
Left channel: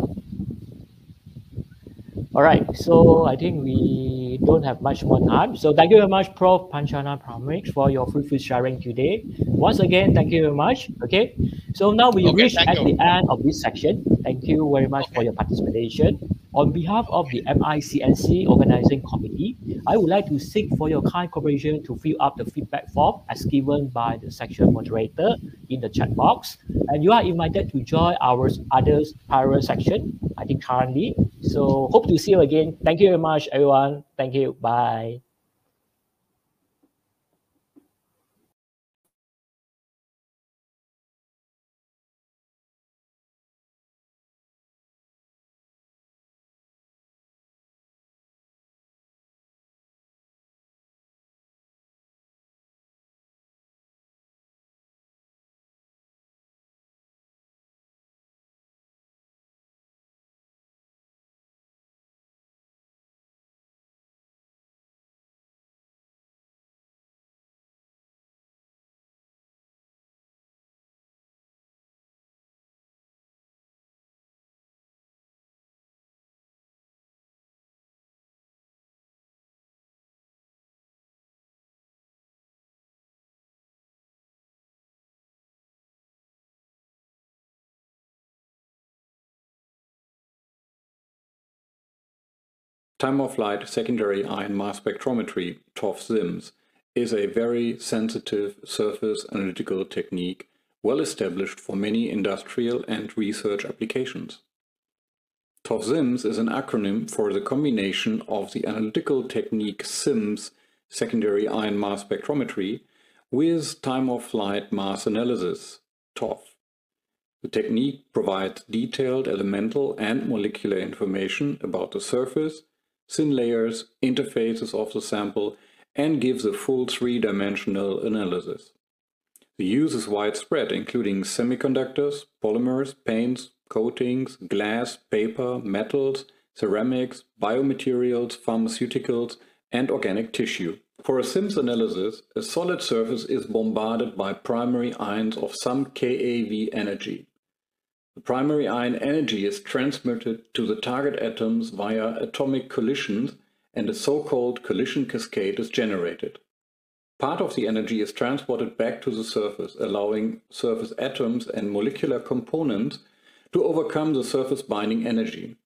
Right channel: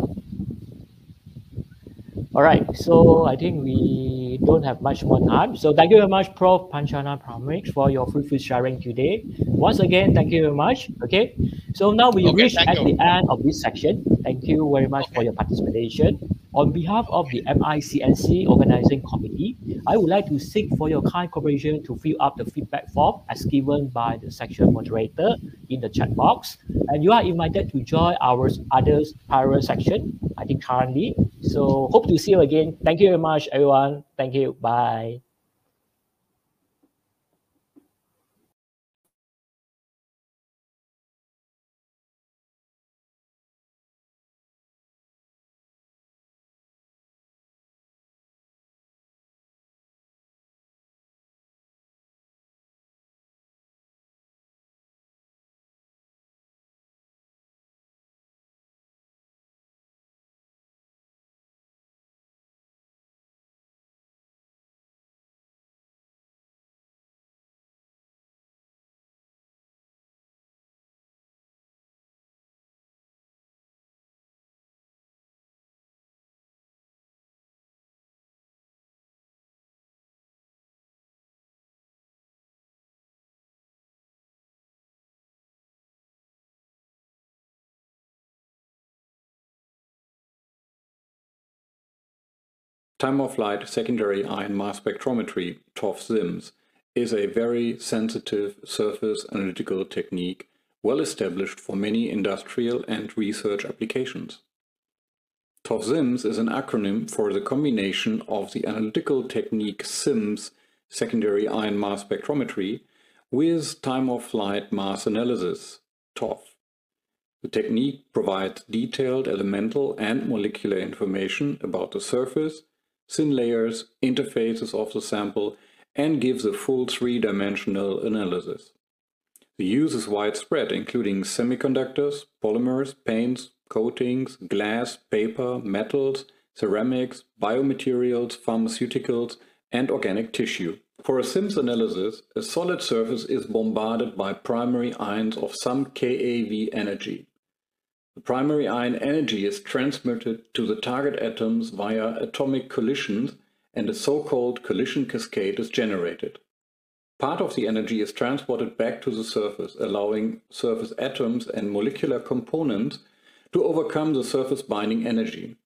All right. So I think we don't have much more time. So thank you very much, Prof. Panchana Pramik, for your fruitful sharing today. Once again, thank you very much. Okay. So now we Okay, reach thank at the you. end of this section. Thank you very much for Okay, your participation. On behalf of the okay, MICNC Organizing Committee, I would like to seek for your kind cooperation to fill up the feedback form as given by the section moderator in the chat box. And you are invited to join our other parallel section, I think currently. So hope to see you again. Thank you very much, everyone. Thank you. Bye. Time-of-flight secondary ion mass spectrometry, TOF-SIMS, is a very sensitive surface analytical technique well established for many industrial and research applications. TOF-SIMS is an acronym for the combination of the analytical technique SIMS, secondary ion mass spectrometry, with time-of-flight mass analysis, TOF. The technique provides detailed elemental and molecular information about the surface, thin layers, interfaces of the sample, and gives a full three-dimensional analysis. The use is widespread, including semiconductors, polymers, paints, coatings, glass, paper, metals, ceramics, biomaterials, pharmaceuticals, and organic tissue. For a SIMS analysis, a solid surface is bombarded by primary ions of some keV energy. The primary ion energy is transmitted to the target atoms via atomic collisions, and a so-called collision cascade is generated. Part of the energy is transported back to the surface, allowing surface atoms and molecular components to overcome the surface binding energy.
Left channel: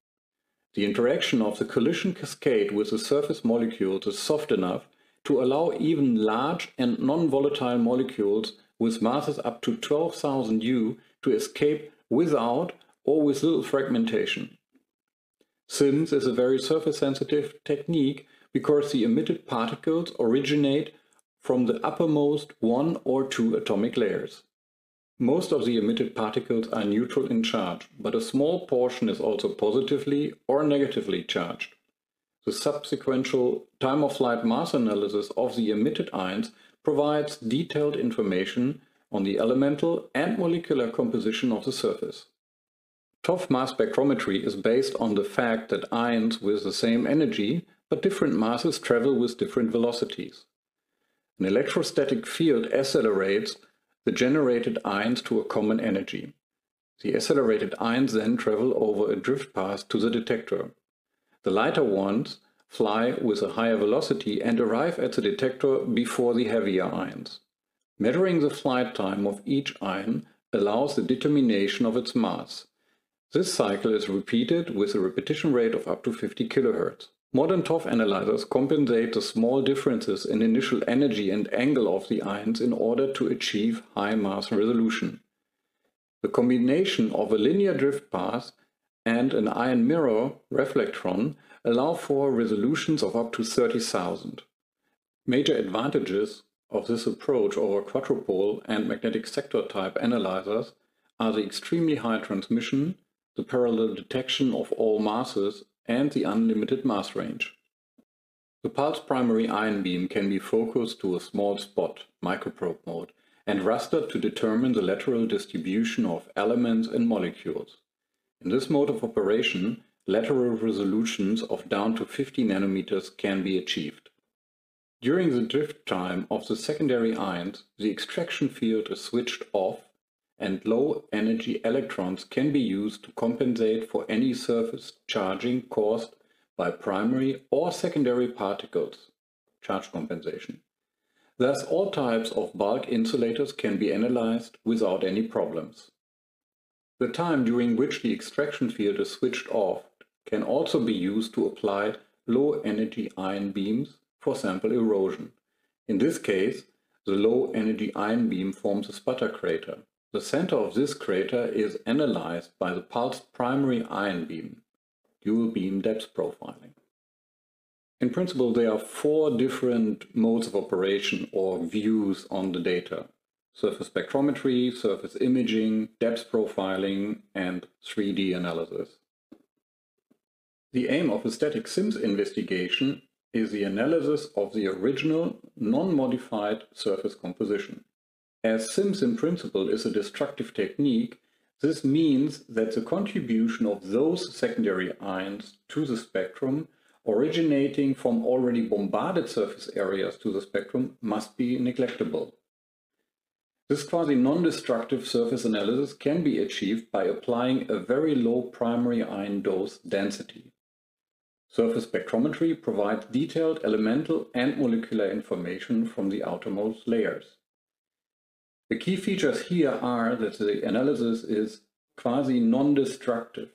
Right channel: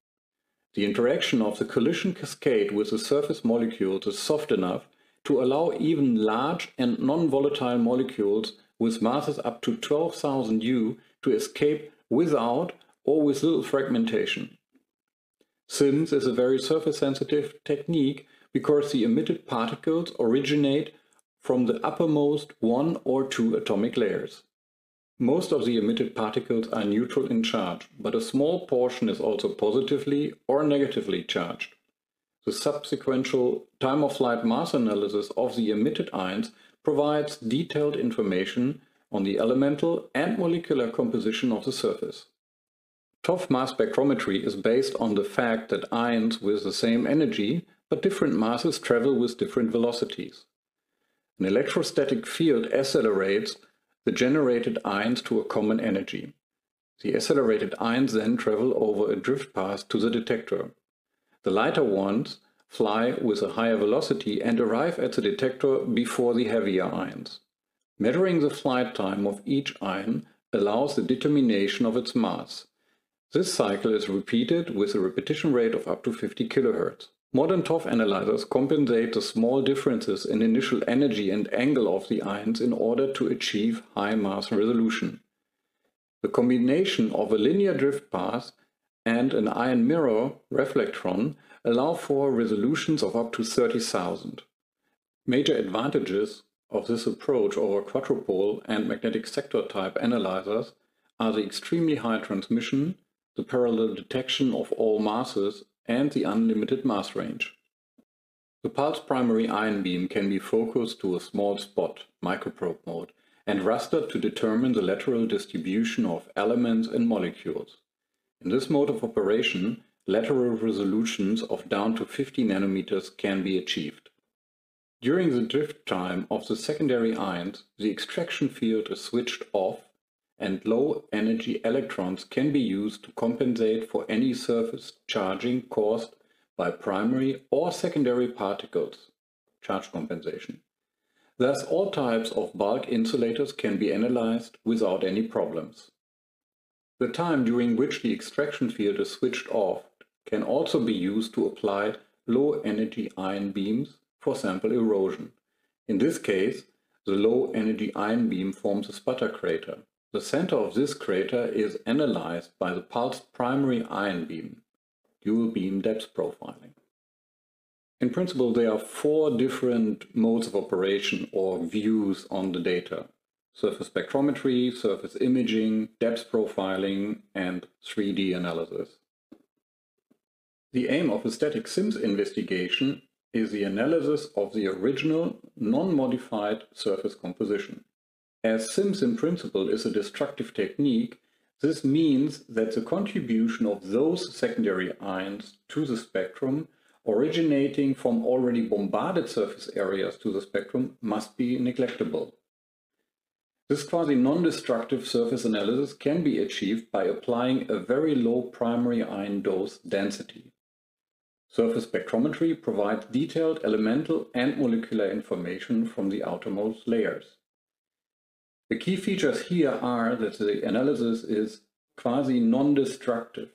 The interaction of the collision cascade with the surface molecules is soft enough to allow even large and non-volatile molecules with masses up to 12,000 U to escape without or with little fragmentation. SIMS is a very surface-sensitive technique because the emitted particles originate from the uppermost one or two atomic layers. Most of the emitted particles are neutral in charge, but a small portion is also positively or negatively charged. The subsequent time-of-flight mass analysis of the emitted ions provides detailed information on the elemental and molecular composition of the surface. TOF mass spectrometry is based on the fact that ions with the same energy but different masses travel with different velocities. An electrostatic field accelerates the generated ions to a common energy. The accelerated ions then travel over a drift path to the detector. The lighter ones fly with a higher velocity and arrive at the detector before the heavier ions. Measuring the flight time of each ion allows the determination of its mass. This cycle is repeated with a repetition rate of up to 50 kHz. Modern TOF analyzers compensate the small differences in initial energy and angle of the ions in order to achieve high mass resolution. The combination of a linear drift path and an ion mirror reflectron allow for resolutions of up to 30,000. Major advantages of this approach over quadrupole and magnetic sector type analyzers are the extremely high transmission, the parallel detection of all masses, and the unlimited mass range. The pulse primary ion beam can be focused to a small spot, microprobe mode, and rastered to determine the lateral distribution of elements and molecules. In this mode of operation, lateral resolutions of down to 50 nanometers can be achieved. During the drift time of the secondary ions, the extraction field is switched off, and low-energy electrons can be used to compensate for any surface charging caused by primary or secondary particles, charge compensation. Thus, all types of bulk insulators can be analyzed without any problems. The time during which the extraction field is switched off can also be used to apply low-energy ion beams for sample erosion. In this case, the low-energy ion beam forms a sputter crater. The center of this crater is analyzed by the pulsed primary ion beam, dual beam depth profiling. In principle, there are 4 different modes of operation or views on the data: surface spectrometry, surface imaging, depth profiling, and 3D analysis. The aim of a static SIMS investigation is the analysis of the original, non-modified surface composition. As SIMS in principle is a destructive technique, this means that the contribution of those secondary ions to the spectrum originating from already bombarded surface areas to the spectrum must be neglectable. This quasi-non-destructive surface analysis can be achieved by applying a very low primary ion dose density. Surface spectrometry provides detailed elemental and molecular information from the outermost layers. The key features here are that the analysis is quasi-non-destructive.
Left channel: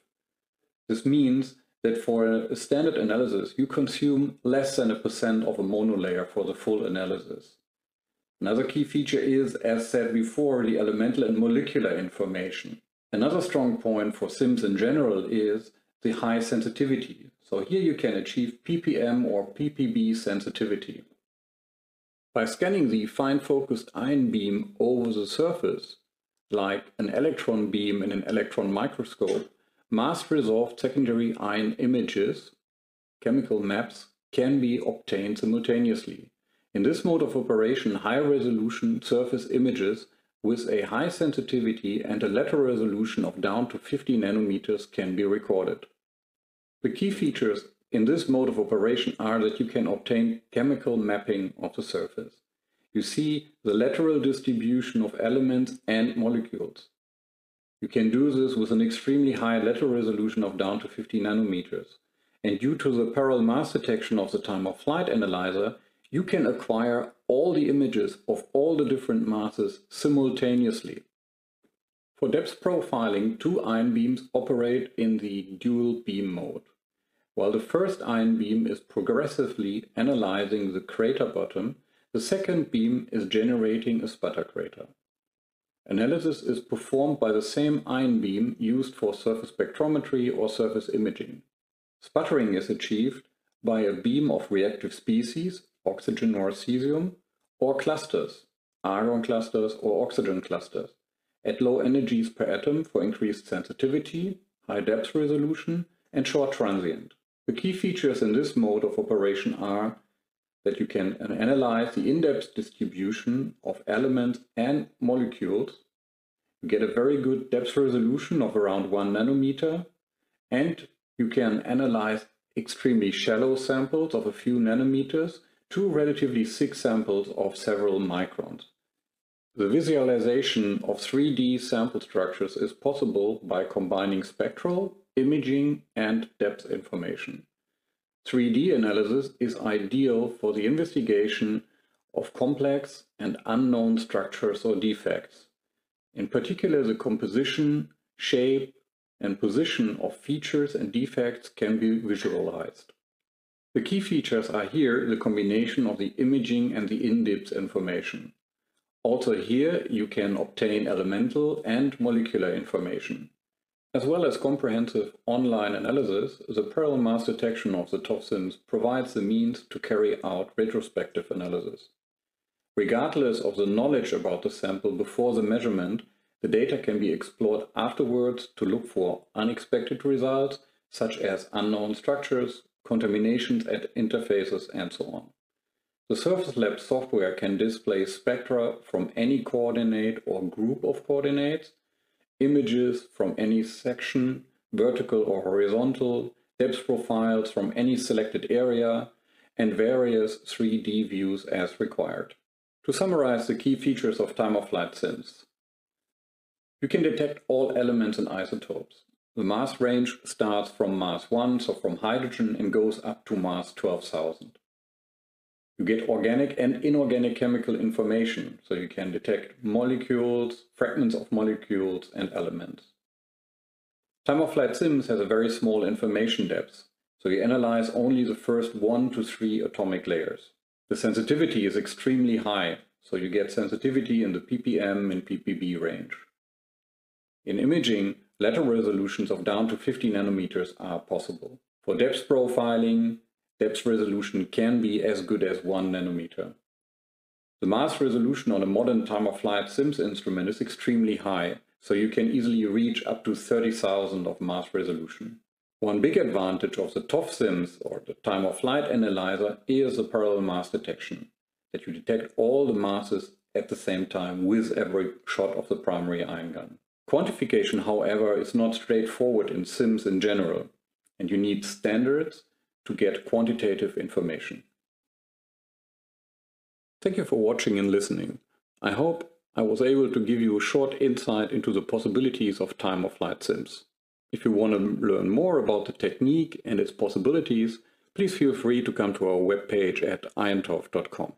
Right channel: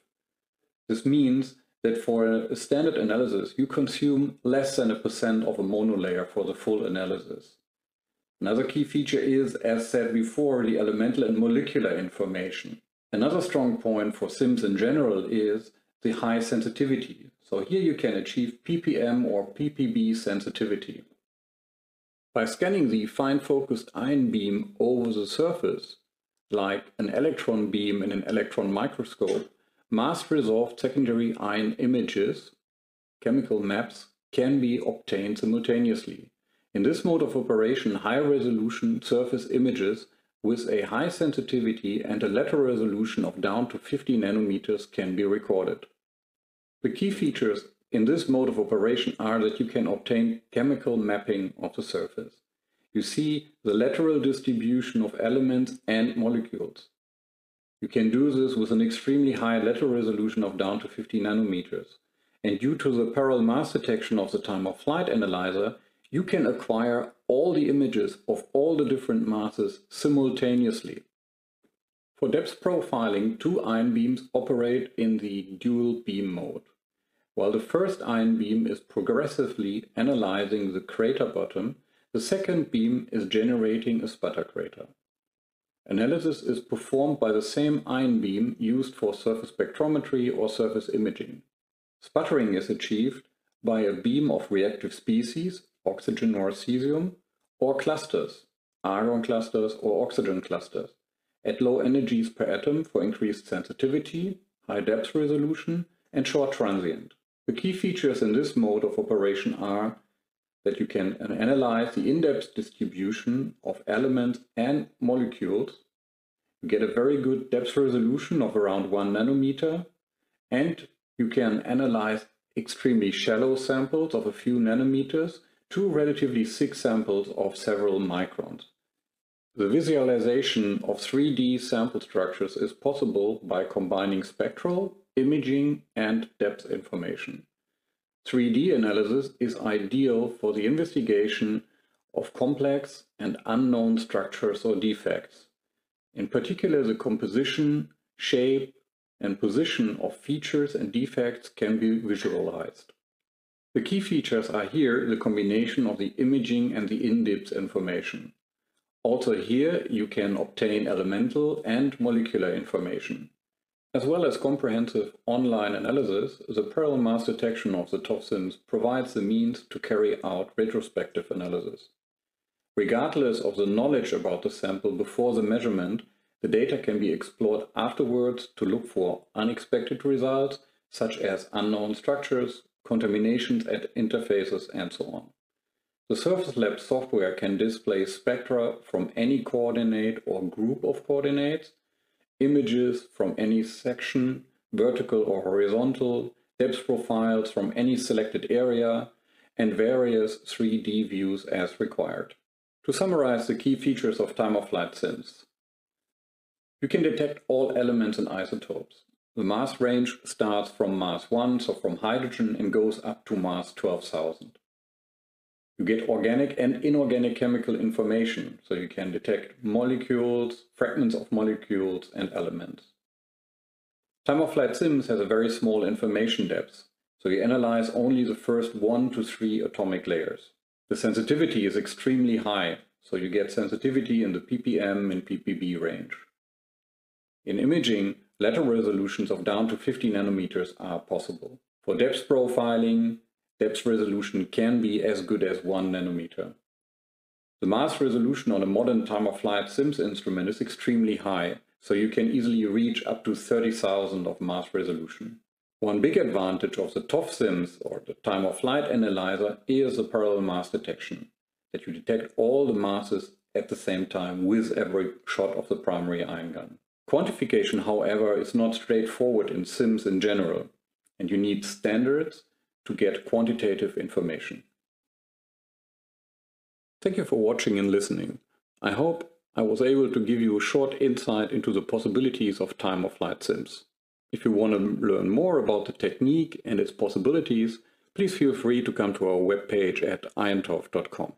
This means that for a standard analysis, you consume less than 1% of a monolayer for the full analysis. Another key feature is, as said before, the elemental and molecular information. Another strong point for SIMS in general is the high sensitivity. So here you can achieve ppm or ppb sensitivity. By scanning the fine-focused ion beam over the surface, like an electron beam in an electron microscope, mass-resolved secondary ion images, chemical maps, can be obtained simultaneously. In this mode of operation, high-resolution surface images with a high sensitivity and a lateral resolution of down to 50 nanometers can be recorded. The key features in this mode of operation are that you can obtain chemical mapping of the surface. You see the lateral distribution of elements and molecules. You can do this with an extremely high lateral resolution of down to 50 nanometers. And due to the parallel mass detection of the time-of-flight analyzer, you can acquire all the images of all the different masses simultaneously. For depth profiling, 2 ion beams operate in the dual beam mode. While the first ion beam is progressively analyzing the crater bottom, the second beam is generating a sputter crater. Analysis is performed by the same ion beam used for surface spectrometry or surface imaging. Sputtering is achieved by a beam of reactive species, oxygen or cesium, or clusters, argon clusters or oxygen clusters, at low energies per atom for increased sensitivity, high depth resolution, and short transient. The key features in this mode of operation are that you can analyze the in-depth distribution of elements and molecules. You get a very good depth resolution of around 1 nanometer, and you can analyze extremely shallow samples of a few nanometers to relatively thick samples of several microns. The visualization of 3D sample structures is possible by combining spectral, imaging, and depth information. 3D analysis is ideal for the investigation of complex and unknown structures or defects. In particular, the composition, shape, and position of features and defects can be visualized. The key features are here the combination of the imaging and the in-depth information. Also here you can obtain elemental and molecular information. As well as comprehensive online analysis, the parallel mass detection of the TOF SIMS provides the means to carry out retrospective analysis. Regardless of the knowledge about the sample before the measurement, the data can be explored afterwards to look for unexpected results, such as unknown structures, contaminations at interfaces, and so on. The Surface Lab software can display spectra from any coordinate or group of coordinates, images from any section, vertical or horizontal, depth profiles from any selected area, and various 3D views as required. To summarize the key features of time-of-flight SIMS, you can detect all elements and isotopes. The mass range starts from mass 1, so from hydrogen, and goes up to mass 12,000. You get organic and inorganic chemical information, so you can detect molecules, fragments of molecules, and elements. Time-of-flight SIMS has a very small information depth, so you analyze only the first 1 to 3 atomic layers. The sensitivity is extremely high, so you get sensitivity in the ppm and ppb range. In imaging, lateral resolutions of down to 50 nanometers are possible. For depth profiling, depth resolution can be as good as 1 nanometer. The mass resolution on a modern time-of-flight SIMS instrument is extremely high, so you can easily reach up to 30,000 of mass resolution. One big advantage of the TOF SIMS, or the time-of-flight analyzer, is the parallel mass detection, that you detect all the masses at the same time with every shot of the primary ion gun. Quantification, however, is not straightforward in SIMS in general, and you need standards to get quantitative information. Thank you for watching and listening. I hope I was able to give you a short insight into the possibilities of time-of-flight SIMS. If you want to learn more about the technique and its possibilities, please feel free to come to our webpage at iontov.com.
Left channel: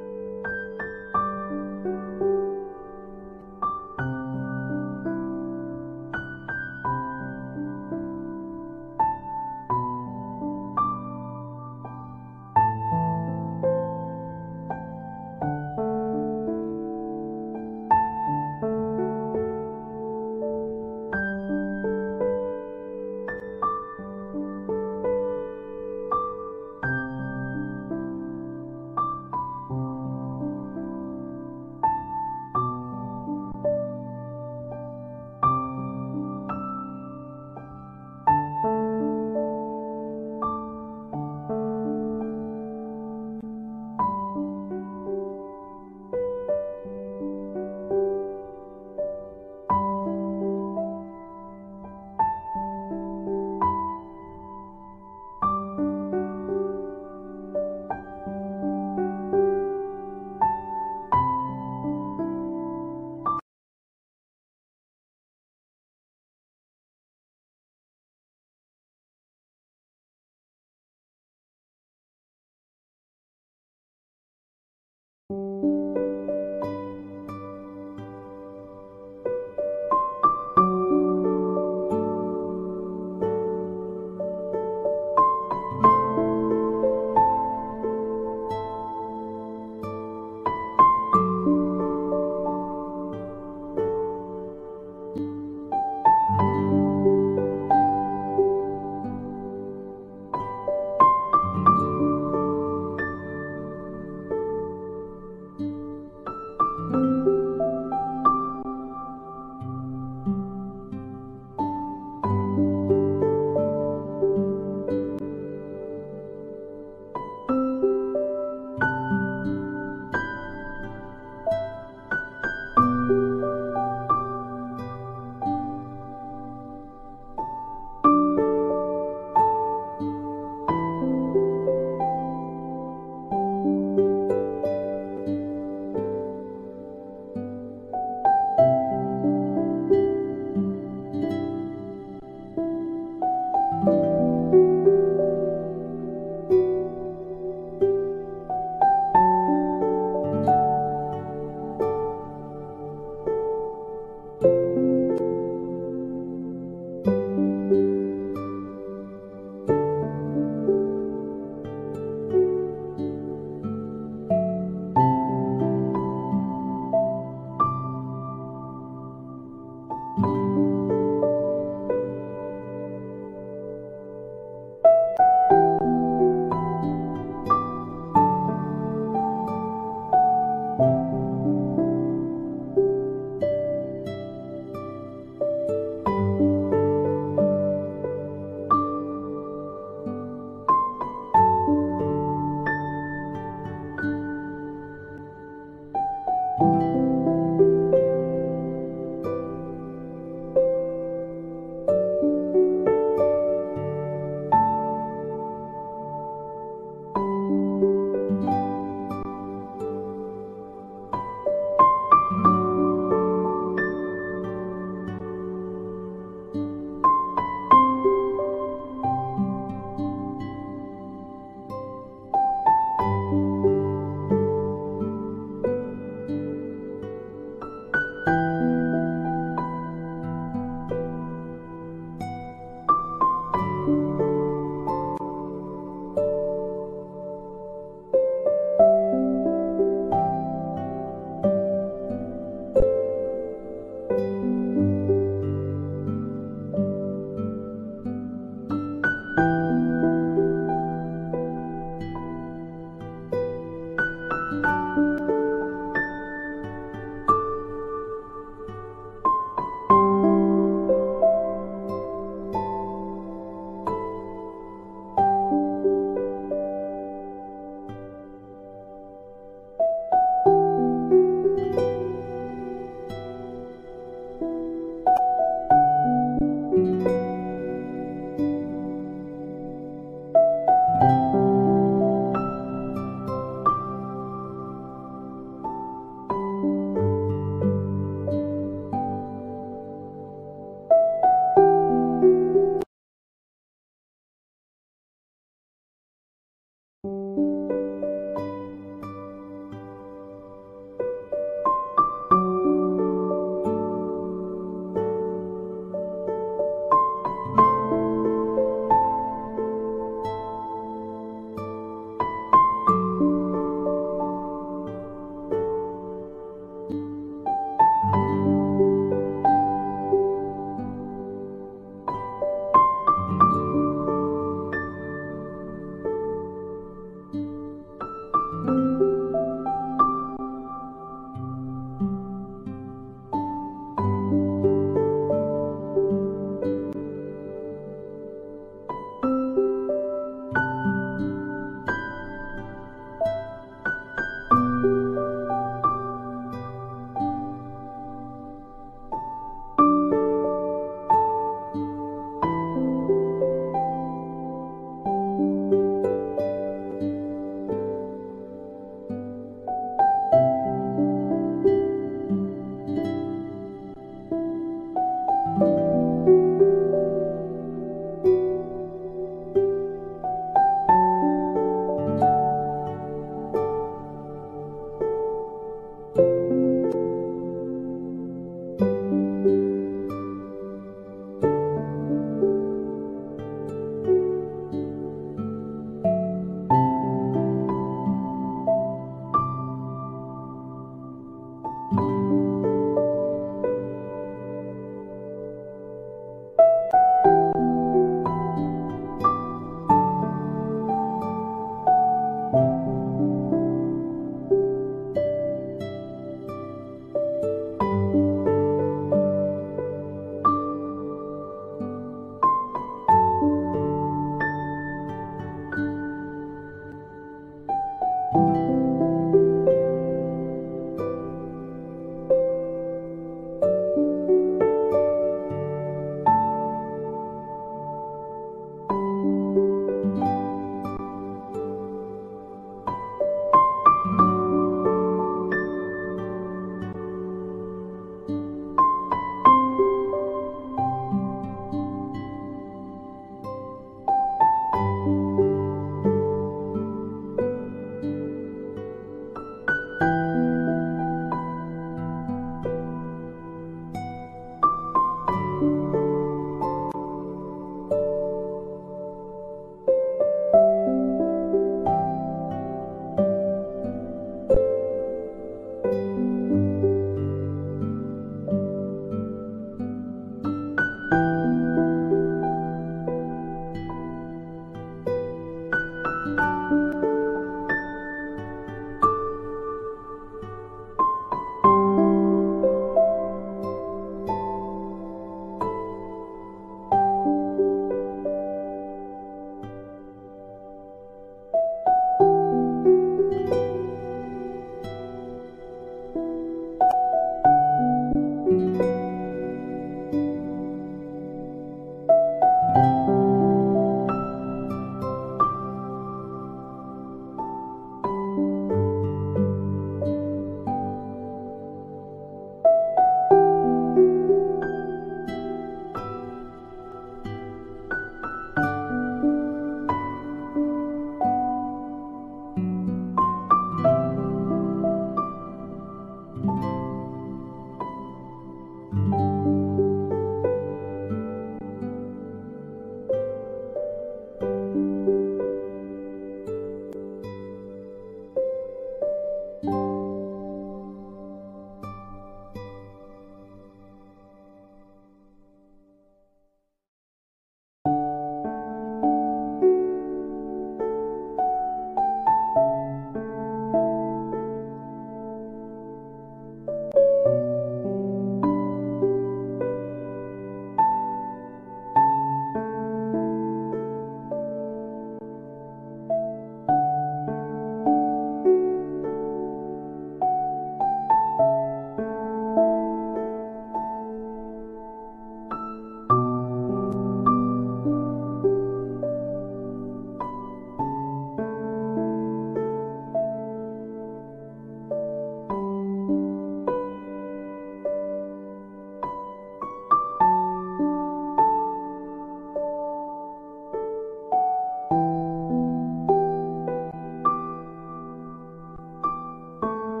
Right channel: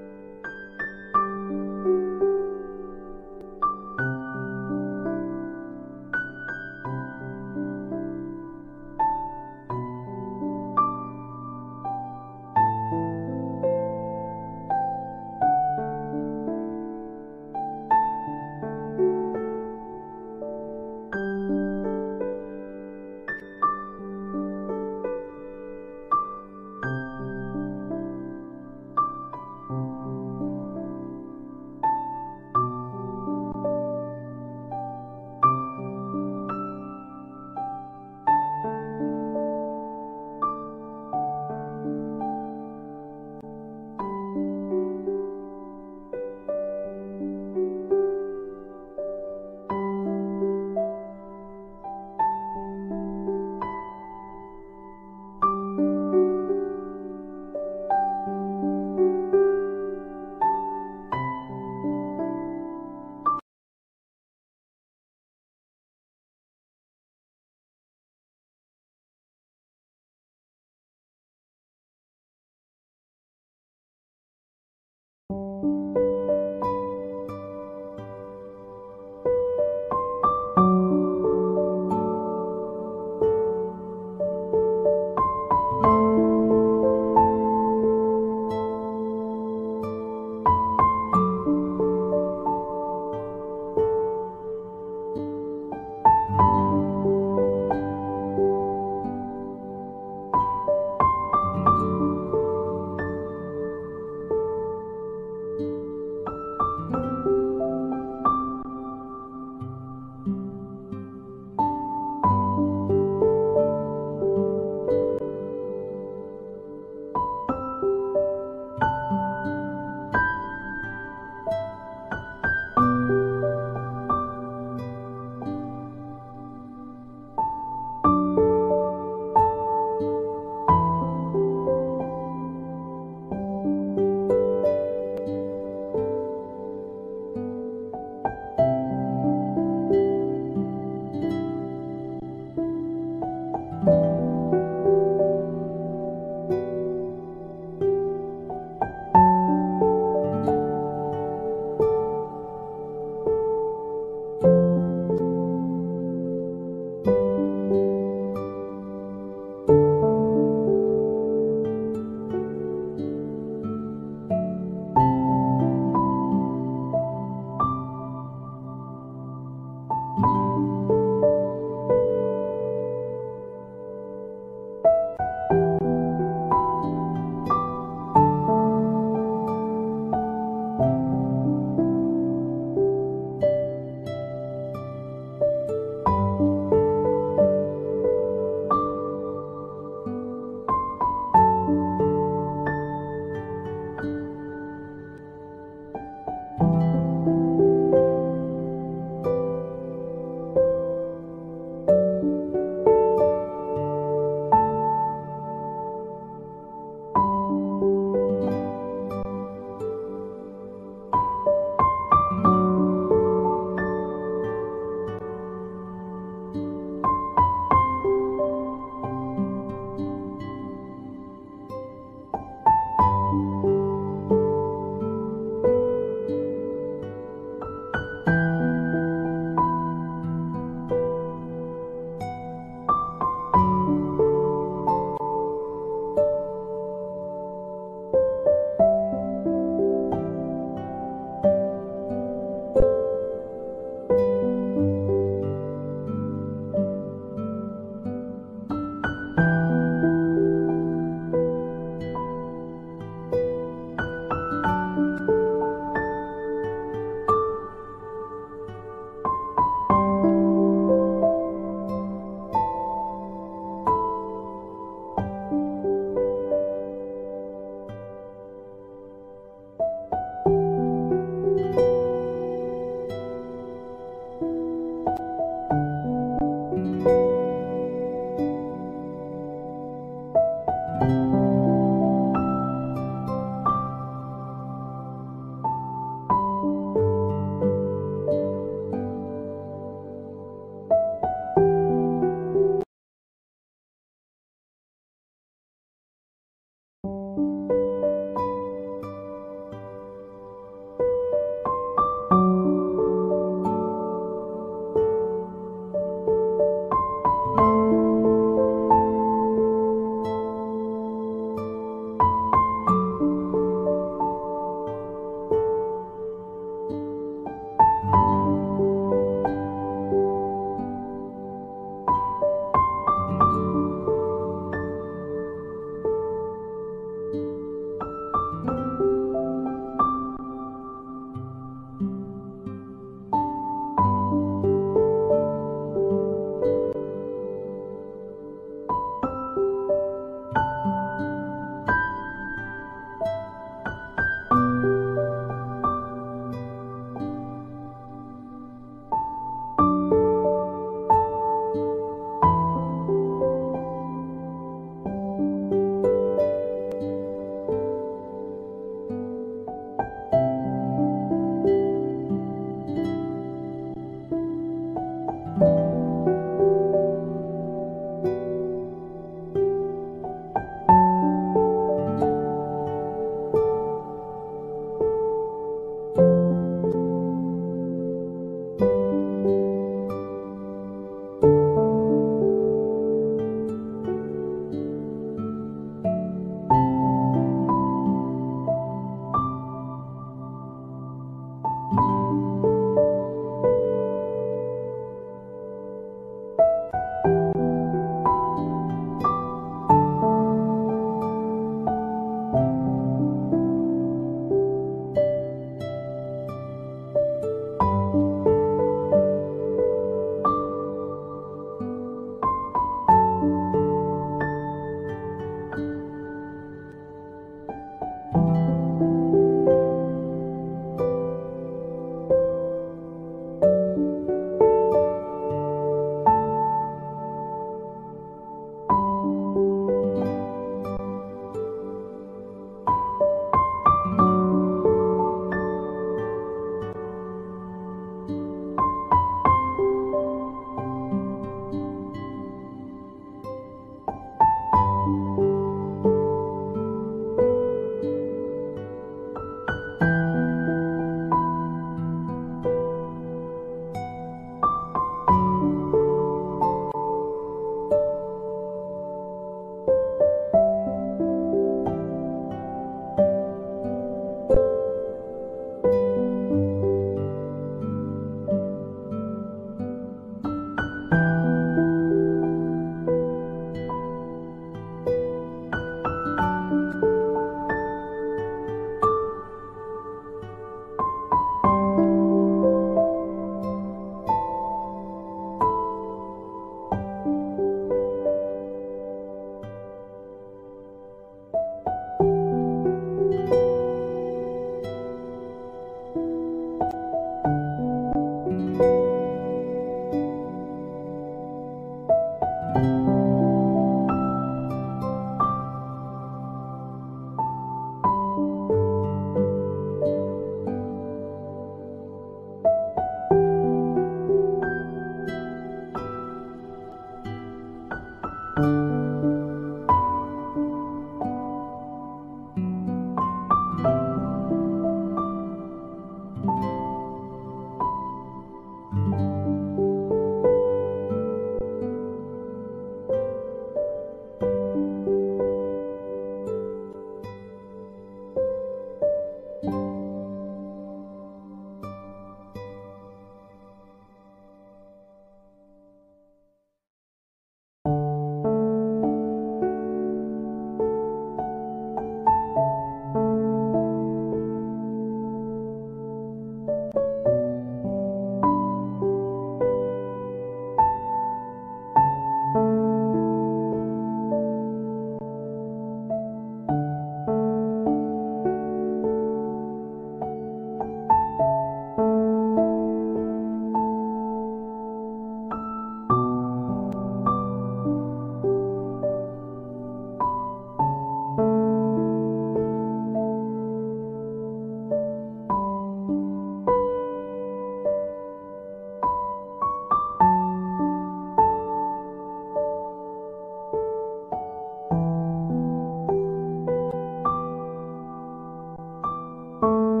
you.